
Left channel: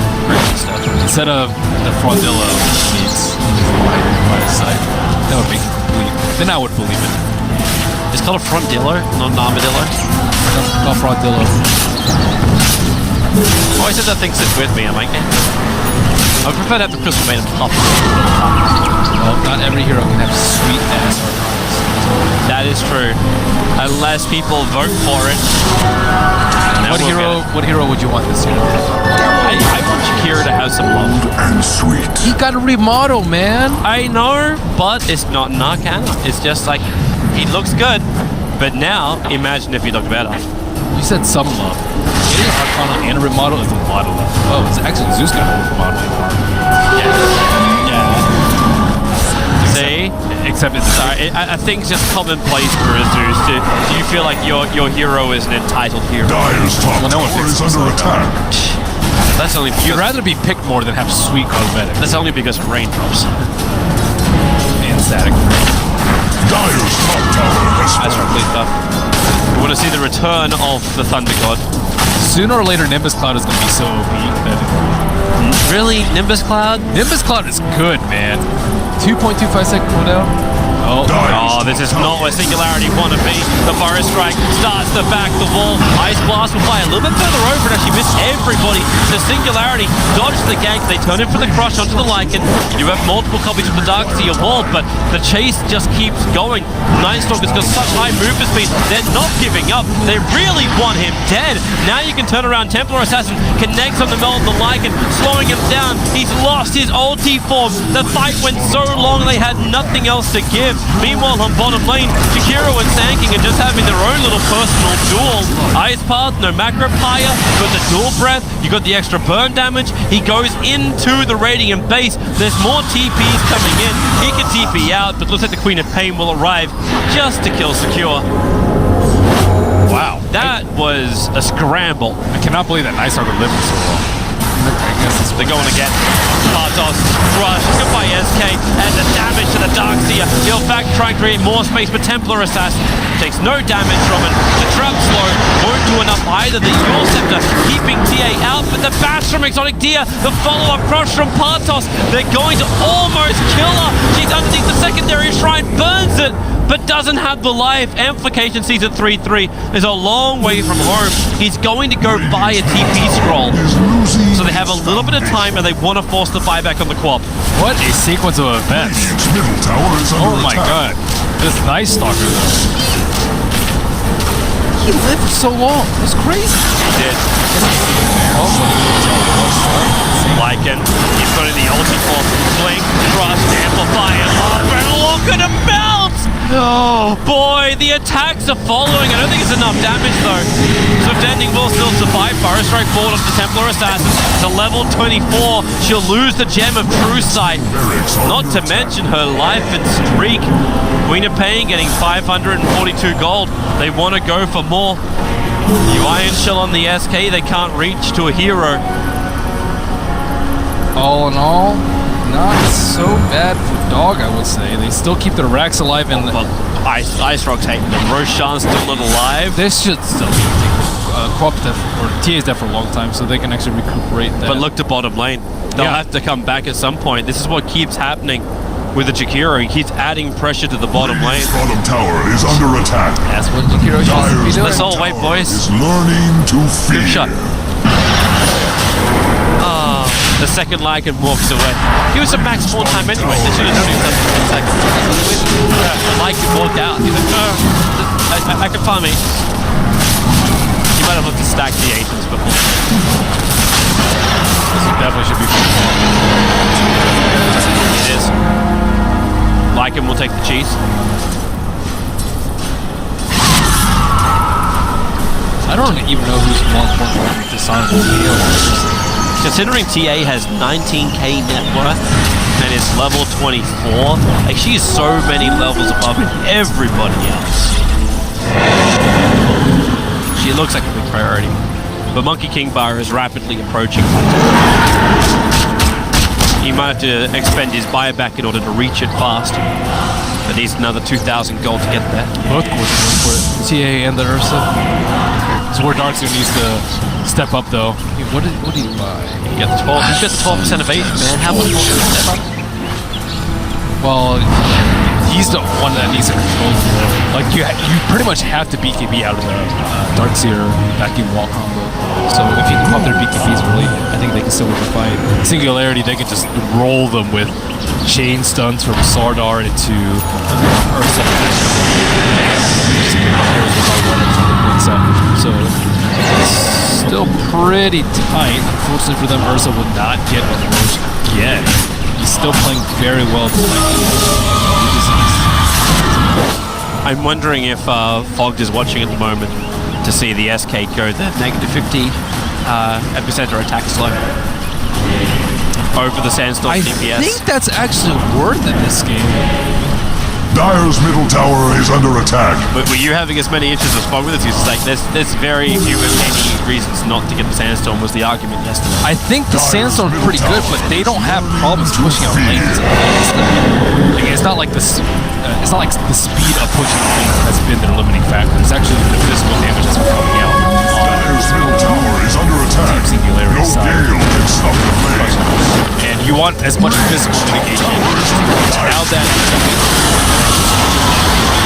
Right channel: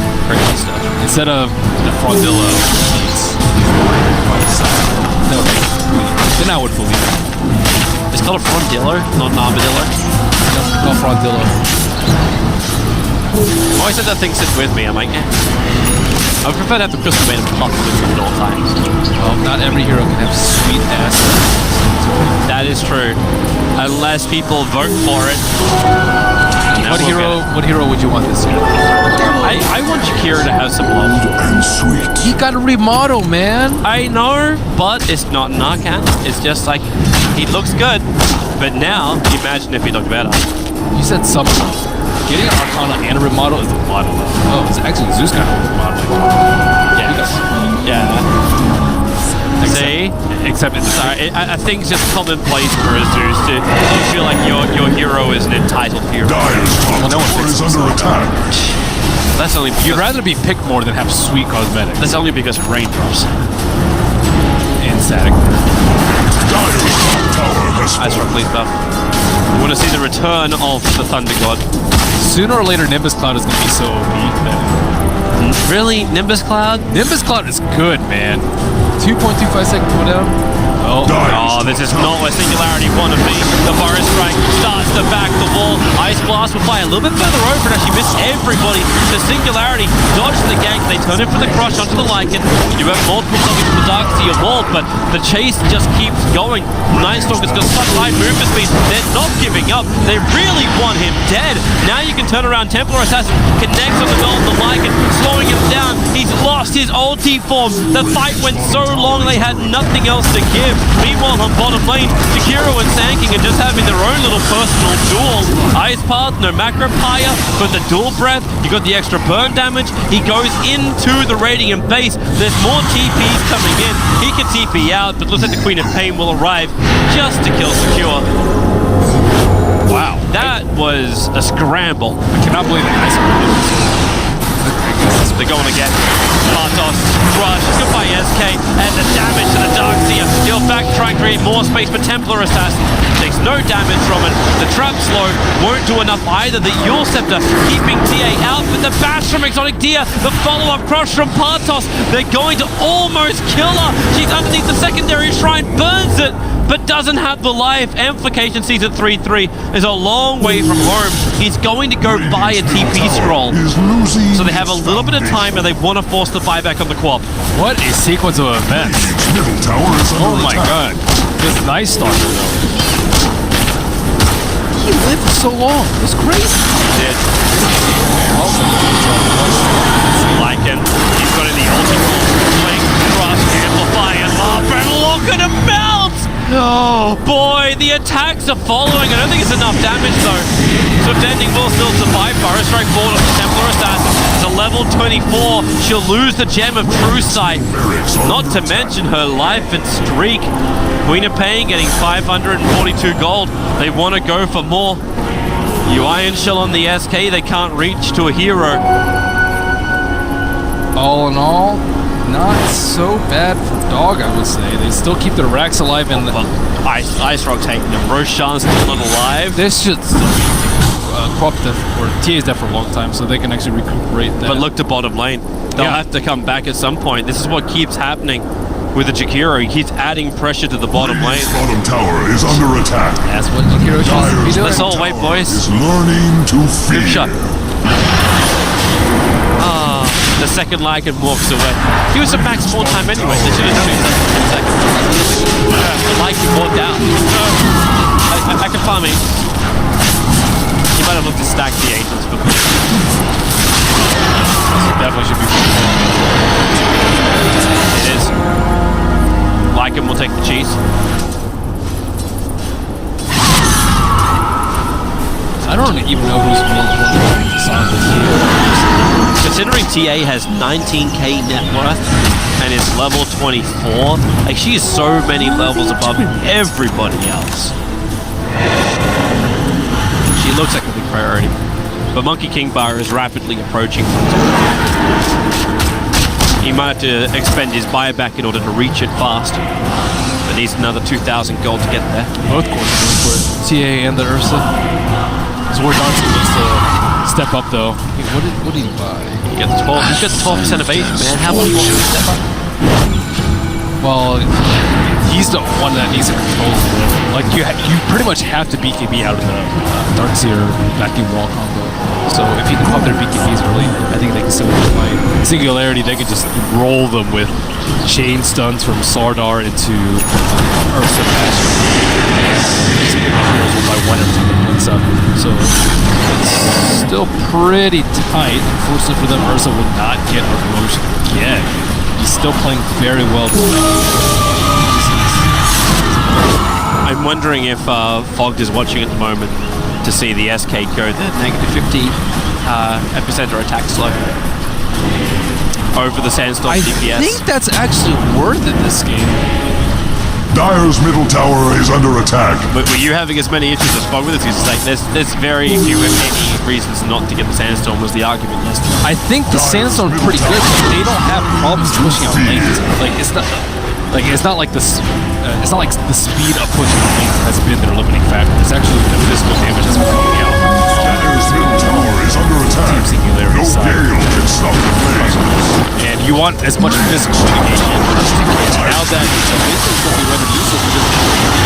stuff. Instead of the Frondillo, he needs lion by his side. That would make it complete. Then I would believe it. It's called a frondillo, not an armadillo. No, called Frondillo. Oh, I said that thing sits with me. I'm like, eh. I would prefer to have the crystal maiden pop with you at all times. Well, not every hero can have sweet ass animals. That is true. Unless people vote for it. What hero would you want this year? I want Jakiro to have some love. Bold and sweet. He got a remodel, man. I know, but it's not an Arcana. It's just like, he looks good. But now, imagine if he looked better. You said some love. Getting an Arcana and a remodel is a lot of love. Oh, it's actually Zeus got a remodeling. Yes. Yeah. See? Except in the Sorry, I think it's just commonplace for a Zeus. Do you feel like your hero is an entitled hero? Dyer's top Well, no one tower picks is under himself now. attack. That's only because, You'd rather be picked more than have sweet cosmetics. that's only because of raindrops. And static. Dyer's top tower has That's fallen. roughly stuff. We want to see the return of the Thunder God. Sooner or later, Nimbus Cloud is going to be so OP that Really? Nimbus Cloud? Nimbus Cloud is good, man. 2.25 second cooldown. Oh, Oh, this is not where Singularity want to be. The Forest Strike starts to back the wall. Ice Blast will fly a little bit further over and actually miss everybody. So Singularity dodged the gank. They turn in for the crush onto the Lycan. You do have multiple copies of the Darkseer Vault, but the chase just keeps going. Nightstalker's got such high movement speed. They're not giving up. They really want him dead. Now you can turn around. Templar Assassin connects on the belt of the Lycan, slowing him down. He's lost his ulti form. The fight went so long they had nothing else to give. Meanwhile, on bottom lane, Jakiro and Sandking are just having their own little personal duel. Ice Path, no macro pyre, but the dual breath, you got the extra burn damage. He goes into the Radiant base. There's more TPs coming in. He can TP out, but looks like the Queen of Pain will arrive just to kill Secure. wow. That was a scramble. I cannot believe that Ice Armor lived so long. I guess They're going again. Partos, Crush, goodbye SK, and the damage to the Darkseer. He'll back try and create more space, but Templar Assassin takes no damage from it. The trap slow won't do enough either. The Yule Scepter keeping TA out, but the bash from Exotic Deer, the follow-up crush from Partos, they're going to almost kill her. She's underneath the secondary shrine, burns it, but doesn't have the life. Amplification sees it 3-3. Is a long way from home. He's going to go buy a TP scroll. So they have a little bit of time and they want to force the buyback on the co-op. What a sequence of events. Radiant's middle tower is under Oh my attack. god. This Night Stalker though. He lived for so long. It was crazy. He did. Lycan, he's got in the ulti form. Blink, Crush, Amplify him up, and look at him melt! Oh boy, the attacks are following. I don't think it's enough damage though. Swift Ending will still survive. Forest Strike forward of the Templar Assassin. It's a level 24. She'll lose the Gem of True Sight. Not to mention her life and streak. Queen of Pain getting 542 gold. They want to go for more. You Iron Shell on the SK, they can't reach to a hero. All in all, not so bad for Dog, I would say. They still keep their racks alive and But Ice Rock's hating them. Roshan's still not alive. this should still be able to take Co-op's dead or TA's dead for a long time, so they can actually recuperate that. But look to bottom lane. They'll Yeah. have to come back at some point. This is what keeps happening with the Jakiro. He keeps adding pressure to the bottom lane. Radiant's bottom tower is under attack. That's what Jakiro should be Dyer's doing. Let's all wait, tower boys. is learning to fear. Good shot. Ah, the second Lycan walks away. He was a max spawn time anyway. They should have done it in 10 seconds. The Lycan walked out. He went, I can farm it. He might have looked to stack the agents before. This definitely should be for It is. Lycan will take the cheese. I don't even know who's more important to disarm, the TA or the Ursa. Considering TA has 19k net worth and is level 24, like she is so many levels above everybody else. She looks like the big priority. But Monkey King Bar is rapidly approaching. He might have to expend his buyback in order to reach it fast. But needs another 2,000 gold to get there. Both cores are going for it. TA and the Ursa. So where Darkseer needs to step up though. Hey, what did he buy? You got the 12. He's got 12% evasion, man. How much more can he step up? Well, he's the one that needs to control it though. Like you pretty much have to BKB out of the Darkseer vacuum wall combo. So if you can pop their BKBs early, I think they can still win the fight. Singularity, they can just roll them with chain stuns from Sardar into Ursa Bash for them. Yeah, just pick off heroes one by one every time they win up. So it's still pretty tight. Unfortunately for them, Ursa will not get a Roche again. He's still playing very well despite not having any disease. I'm wondering if Fogged is watching at the moment to see the SK go the -50 epicenter attack slow over the Sandstorm DPS. I think that's actually worth it this game. Dire's middle tower is under attack. But were you having as many issues as Fogg with this? It's like there's very few, if any, reasons not to get the Sandstorm was the argument yesterday. I think the Sandstorm's pretty good, but they don't have problems pushing out lanes. It's not like this. It's not like the speed of pushing out lanes has been their limiting factor. It's actually the physical damage that's been coming out. Dire's middle tower is under attack. Team Singularity No side. gale can stop the flame. And you want as much physical mitigation. Now that basically what we went to use it because of FKB,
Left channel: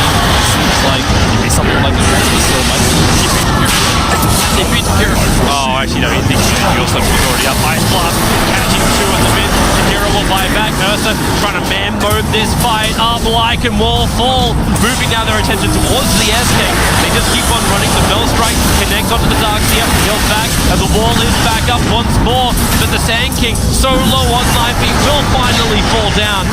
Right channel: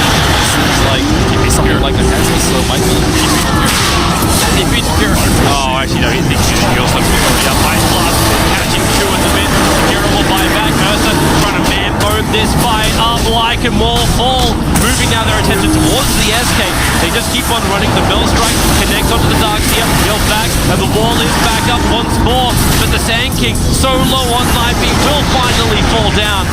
it seems like maybe something like the Taxi Slow might be keeping him here. They beat Jakiro. Oh, actually, no, he's also already up. Ice Blast catching two at the mid. Jakiro will buy back. Ursa trying to man mode this fight. Arbalike and Wall fall. Moving now their attention towards the SK. They just keep on running. The Bell Strike connects onto the Darkseer. He'll back, and the wall is back up once more. But the Sand King, so low on life, he will finally fall down.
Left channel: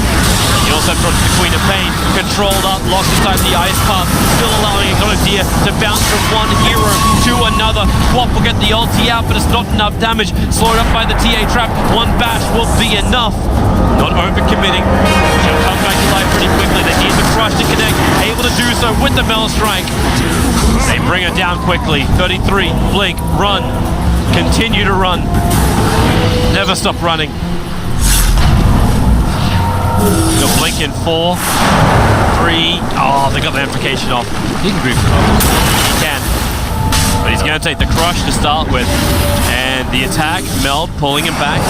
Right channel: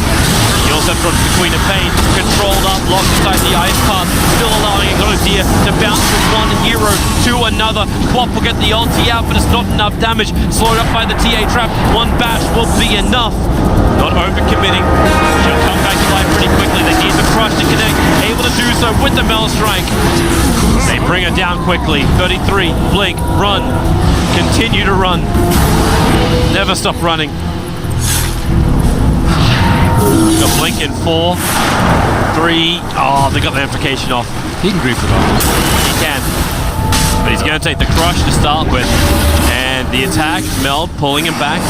He also fronts the Queen of Pain, controlled up, locked inside the ice path, still allowing Exodia to bounce from one hero to another. Quap will get the ulti out, but it's not enough damage. Slowed up by the TA trap. One bash will be enough. Not overcommitting. She'll come back to life pretty quickly. They need the crush to connect. Able to do so with the Mel Strike. They bring her down quickly. 33, blink, run. Continue to run. Never stop running. Got blink in 4, 3. Oh, they got the amplification off. He can grief it off. He can. But he's going to take the crush to start with. And the attack, Meld pulling him back.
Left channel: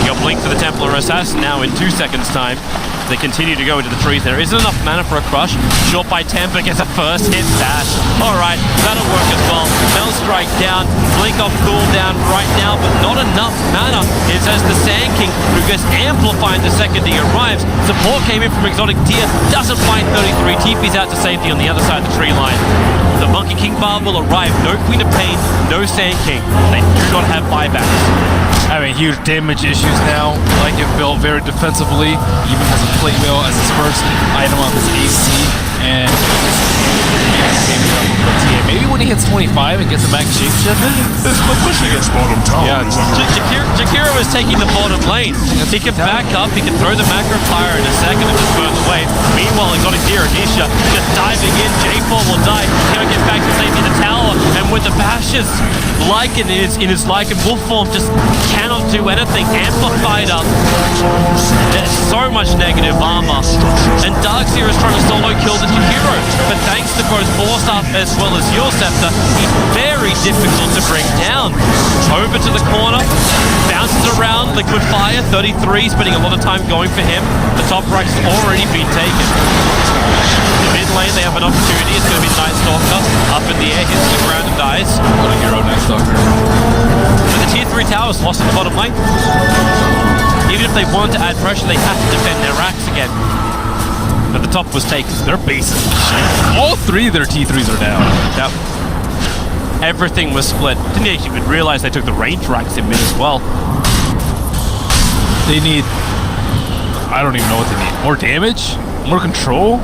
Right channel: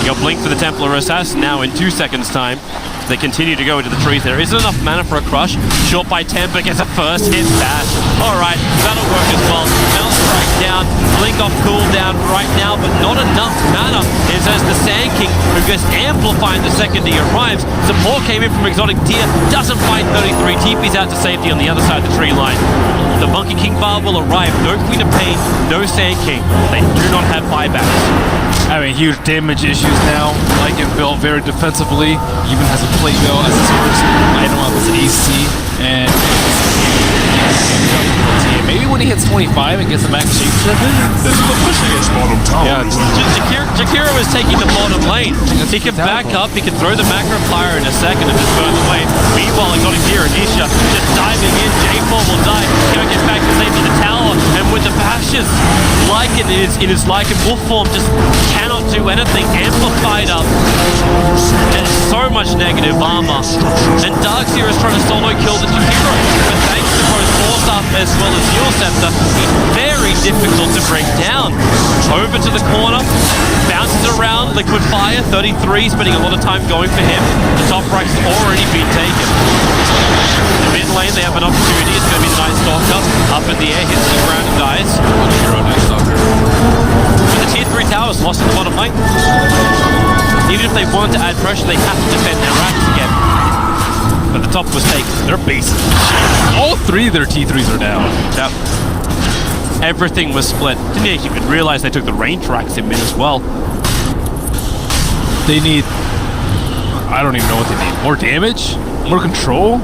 You got blink for the Templar Assassin now in 2 seconds time. They continue to go into the trees. There isn't enough mana for a crush. Short by Temper gets a first hit bash. Alright, that'll work as well. Mel Strike down, blink off cooldown right now, but not enough mana. It says the Sand King, who gets amplified the second he arrives. Support came in from Exotic Deer, doesn't find 33, TP's out to safety on the other side of the tree line. The Monkey King Bar will arrive. No Queen of Pain, no Sand King. They do not have buybacks. Having huge damage issues now. Lycan built very defensively. Even has a plate mail as his first item of his AC, and can't keep his damage out from TA. Maybe when he hits 25 and gets a max shapeshift, it's pushing it. Bottom tower is under attack. Jakiro is taking the bottom lane. He can back up, he can throw the macro fire in a second and just burn the way. Meanwhile, Exotic Deer and Nisha just diving in. J4 will die. Cannot get back to safety the tower, and with the bashes, Lycan in his Lycan wolf form just cannot do anything. Amplified up. There's so much negative armor. And Darkseer is trying to solo kill the Jakiro. But thanks to both Force Up as well as Yule Scepter, he's very difficult to bring down. Over to the corner. Bounces around. Liquid Fire. 33, spending a lot of time going for him. The top rank has already been taken. The mid lane, they have an opportunity. It's going to be the Night Stalker. Up in the air, hits the ground and dies. What a hero, Night Stalker. But the tier 3 tower is lost in the bottom lane. Even if they wanted to add pressure, they have to defend their racks again. But the top was taken. Their base is shit. All three of their T3s are down. Yep. Everything was split. Didn't even realize they took the range racks in mid as well. They need... I don't even know what they need. More damage? More control?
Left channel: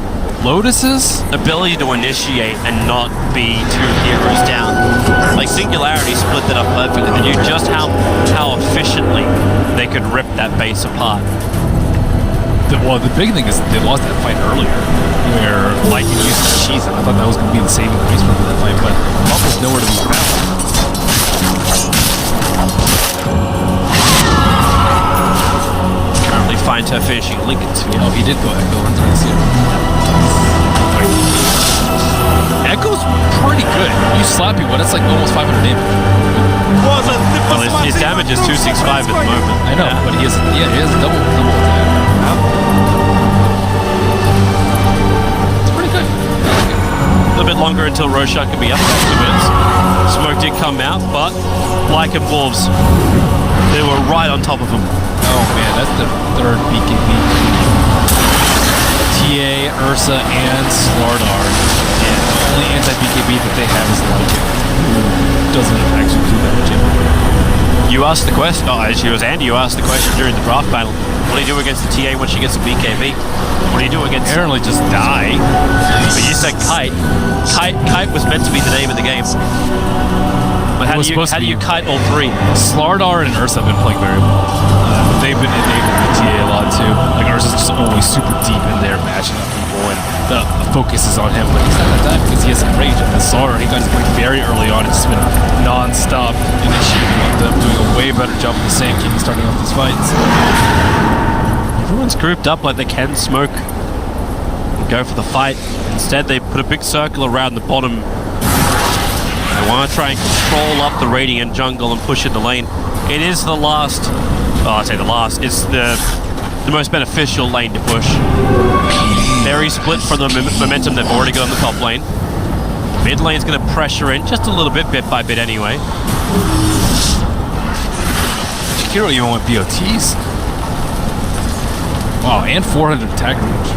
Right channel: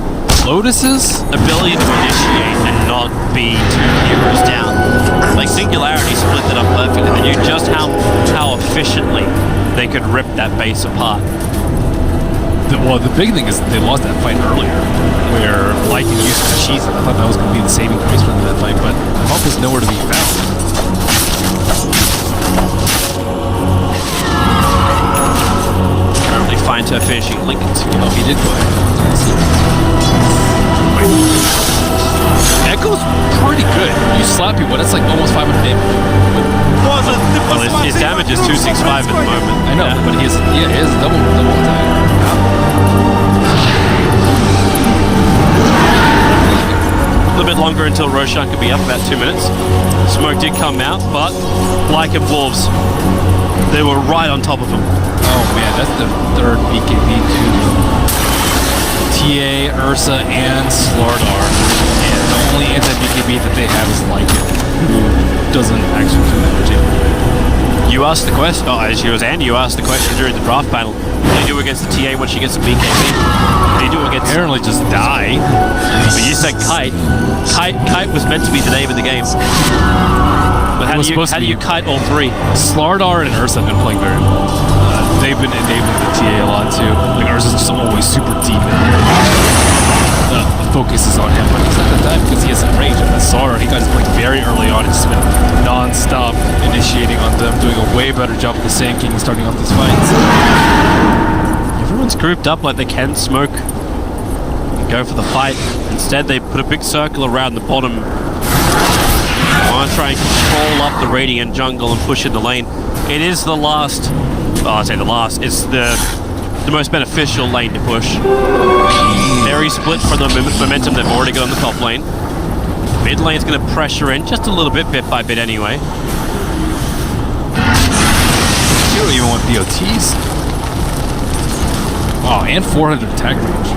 Lotus's ability to initiate and not be 2 heroes down. Like Singularity split that up perfectly. They knew just how efficiently they could rip that base apart. the big thing is they lost that fight earlier, where Lycan used his cheese, and I thought that was going to be the saving grace for them in that fight, but Puff was nowhere to be found. Currently find her finishing a Lincoln Sphere. Oh, he did go Echo on Darkseer. Wait. Echo's pretty good. You slap people, that's like almost 500 damage. Well, his damage is 265 at the moment. I know, but he has a double attack. Yep. A little bit longer until Roshan could be up, about 2 minutes. Smoke did come out, but Lycan Wolves, they were right on top of him. Oh man, that's the third BKB too, though. TA, Ursa, and Slardar. And the only anti-BKB that they have is Lycan, who doesn't actually do that much damage. You asked the question, as you was Andy, you asked the question during the draft panel, what do you do against the TA when she gets a BKB? What do you do against... Apparently just die. But you said Kite. Kite was meant to be the name of the game. But how do you kite all three? Slardar and Ursa have been playing very well. They've been enabling the TA a lot too. Like Ursa's just always super deep in there. The focus is on him, but he's not gonna die because he has Enrage. And the Slardar, he got his blink very early on. It's just been non-stop initiating on them, doing a way better job with the Sand King starting off these fights. Everyone's grouped up like they can smoke and go for the fight. Instead, they put a big circle around the bottom. They want to try and control up the Radiant jungle and push in the lane. It is the last... Well, I'd say the last. It's the most beneficial lane to push. Very split from the momentum they've already got on the top lane. Mid lane's going to pressure in just a little bit by bit anyway. Hero even went BOTs. Wow, and 400 attack range.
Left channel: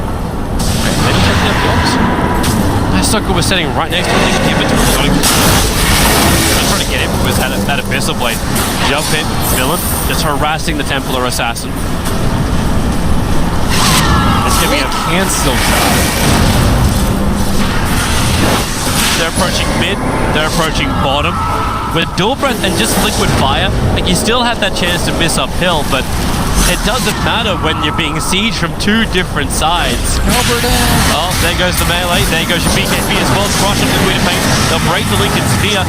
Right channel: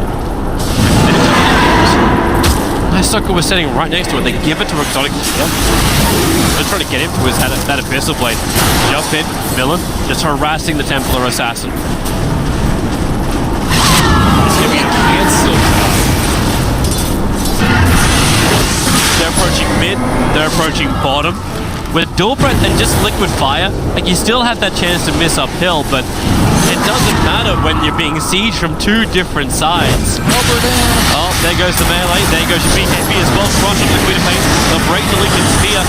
They just have the opposite. My sucker was sitting right next to it. They give it to Exotic. They're trying to get him with that Abyssal Blade. Jump in, villain, just harassing the Templar Assassin. He can still die. They're approaching mid, they're approaching bottom. With Dual Breath and just Liquid Fire, like you still have that chance to miss uphill, but it doesn't matter when you're being sieged from 2 different sides. Oh, there goes the melee, there goes your BKB as well. Crush up the Queen of Pain, they'll break the Lincoln Sphere.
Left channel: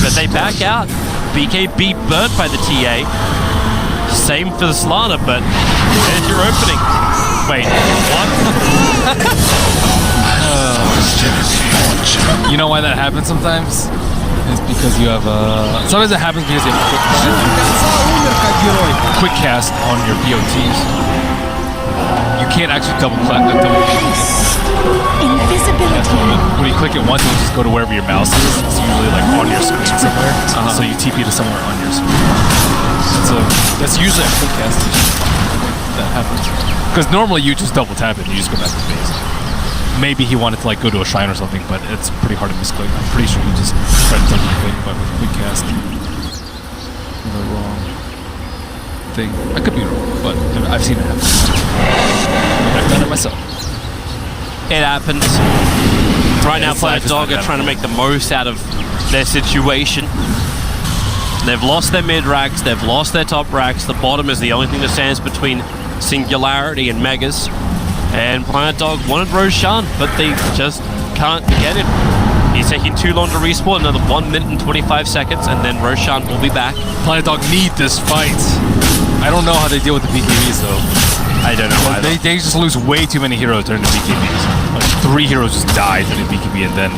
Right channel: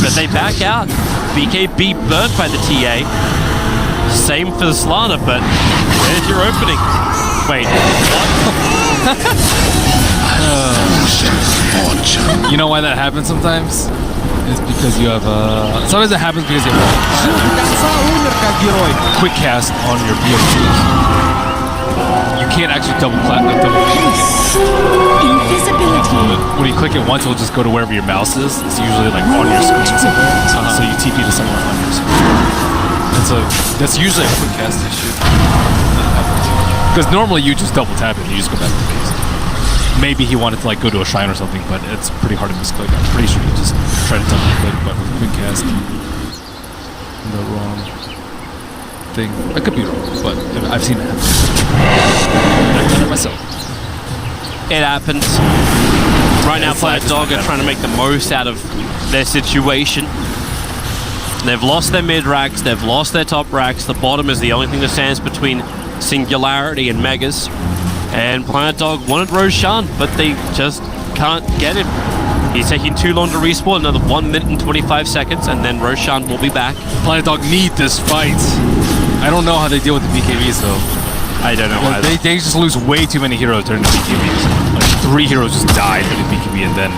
But they back out. BKB burnt by the TA. Same for the Slana, but there's your opening. Wait, what? You know why that happens sometimes? It's because you have sometimes it happens because you have quick cast on your BOTs. You can't actually double click it. Invisibility. When you click it once, it'll just go to wherever your mouse is. It's usually like on your screen somewhere. So you TP to somewhere on your screen. That's usually a quick cast issue. That happens. Because normally you just double tap it and you just go back to base. Maybe he wanted to like go to a shrine or something, but it's pretty hard to misclick. I'm pretty sure he just tried to double click, but with quick cast, the wrong thing. I could be wrong, but I've seen it happen. I've done it myself. It happens. Right now, Planet Dog are trying to make the most out of their situation. They've lost their mid racks, they've lost their top racks. The bottom is the only thing that stands between Singularity and Megas. And Planet Dog wanted Roshan, but they just can't get him. He's taking too long to respawn, another 1 minute and 25 seconds, and then Roshan will be back. Planet Dog need this fight. I don't know how they deal with the BKBs though. I don't know either. They just lose way too many heroes during the BKBs. Like 3 heroes just died during the BKB, and then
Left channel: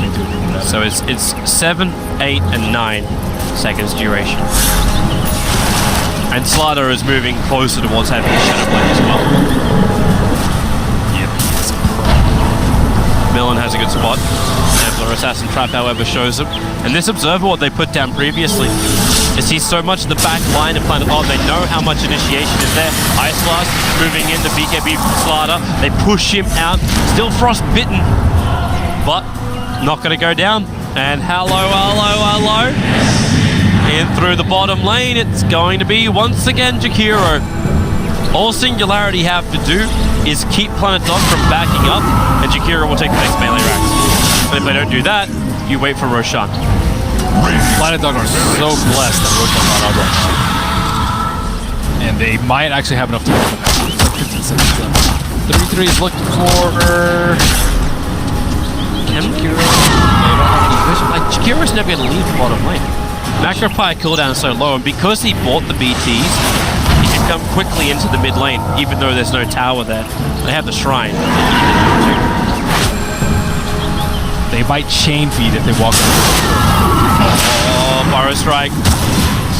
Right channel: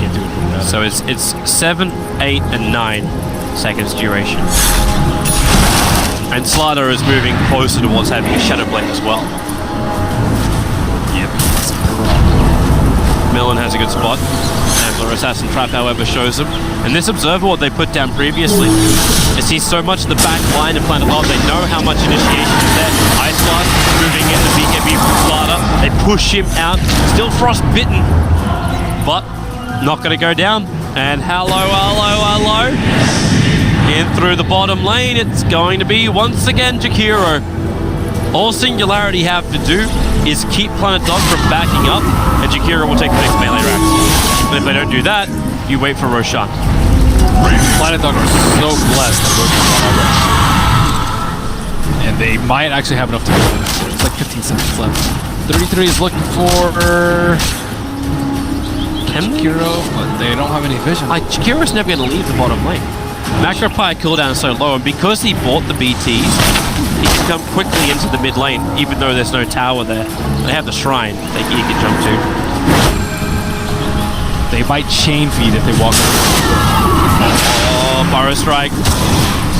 can't do anything about it. So it's 7, 8, and 9 seconds duration. And Slaughter is moving closer towards having a Shadow Blade as well. Yep, it's a problem. Millen has a good spot. Templar Assassin Trap, however, shows him. And this Observer, what they put down previously, is he's so much the back line of Planet Odd. They know how much initiation is there. Ice Blast moving in the BKB from Slaughter. They push him out. Still frostbitten, but not going to go down. And hello. In through the bottom lane, it's going to be once again Jakiro. All Singularity have to do is keep Planet Dog from backing up, and Jakiro will take the next melee racks. And if they don't do that, you wait for Roshan. Planet Dog are so blessed that Roshan got Abra. And they might actually have enough to do it. It's like 15 seconds left. 33 is looking for Jakiro. They don't have any vision. Like, Jakiro's never going to leave the bottom lane. Macropie cooldown is so low, and because he bought the BTs, he can come quickly into the mid lane, even though there's no tower there. They have the shrine that he can jump to. They might chain feed if they walk on. Oh, Burrow Strike.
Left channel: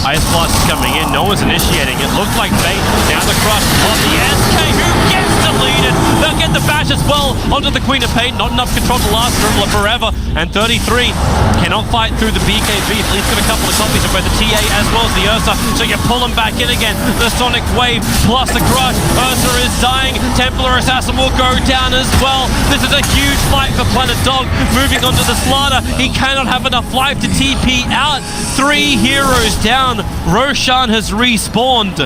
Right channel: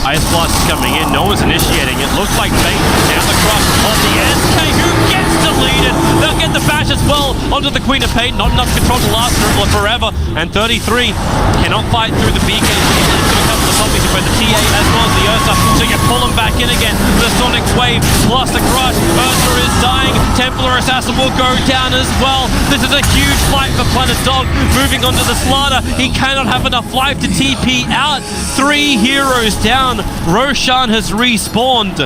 Ice Blast is coming in. No one's initiating it. Looked like bait. Now the crush on the SK, who gets deleted. They'll get the bash as well onto the Queen of Pain. Not enough control to last forever. And 33 cannot fight through the BKB. He's got a couple of copies of both the TA as well as the Ursa. So you pull him back in again. The Sonic Wave plus the crush. Ursa is dying. Templar Assassin will go down as well. This is a huge fight for Planet Dog. Moving on to the Slaughter. He cannot have enough life to TP out. 3 heroes down. Roshan has respawned.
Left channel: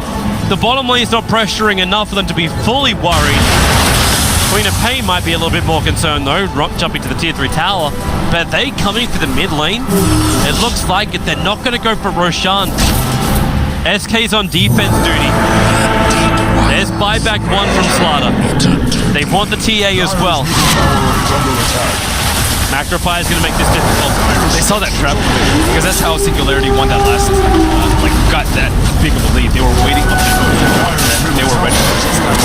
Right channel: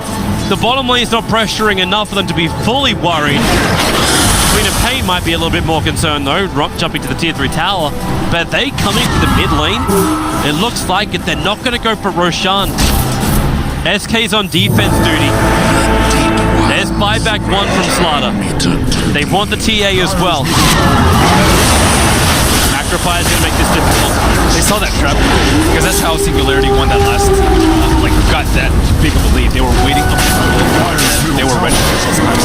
The bottom lane is not pressuring enough for them to be fully worried. Queen of Pain might be a little bit more concerned though, jumping to the tier 3 tower. But are they coming for the mid lane? It looks like it. They're not going to go for Roshan. SK's on defense duty. There's buyback 1 from Slaughter. They want the TA as well. Macropie is going to make this difficult. They saw that trap because that's how Singularity won that last, got that big of a lead. They were waiting up that cliff and then they were ready for those times.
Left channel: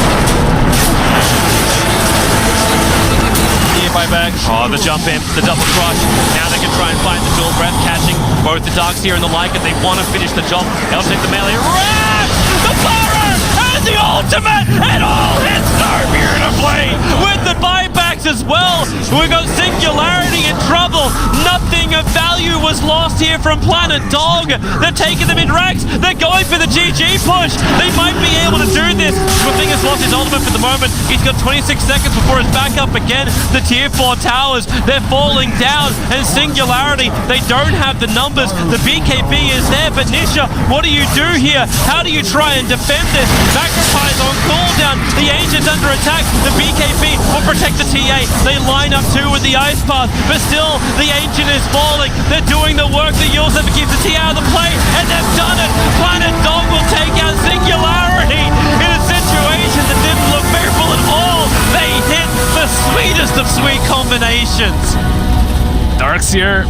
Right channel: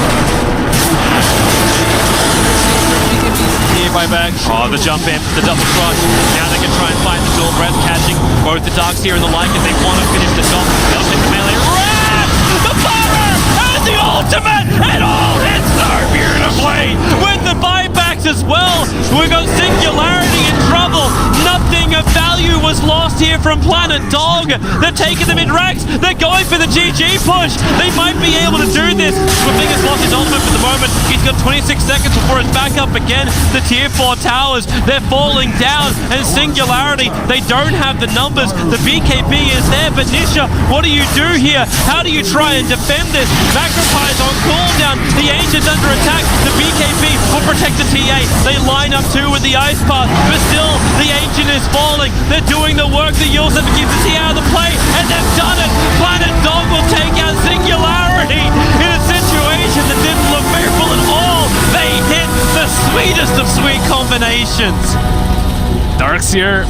Buyback. Oh, the jump in, the double crush. Now they can try and find the dual breath, catching both the Darks here and the Lycan. They want to finish the job. They'll take the melee. Wraps! The fire! And the ultimate! It all hits so beautifully! With the buybacks as well! We got Singularity in trouble! Nothing of value was lost here from Planet Dog! They're taking the mid-racks! They're going for the GG push! They might be able to do this! Swifting has lost his ultimate for the moment. He's got 26 seconds before it's back up again. The tier 4 towers, they're falling down. And Singularity, they don't have the numbers. The BKB is there, but Nisha, what do you do here? How do you try and defend this? Macropie's on cooldown. The Ancient's under attack. The BKB will protect the TA. They line up too with the Ice Path, but still, the Ancient is falling. They're doing the work. The Yulsev keeps the TA out of the play, and they've done it. Planet Dog will take out Singularity in a situation that didn't look favorable at all. They hit the sweetest of sweet combinations. Darks here.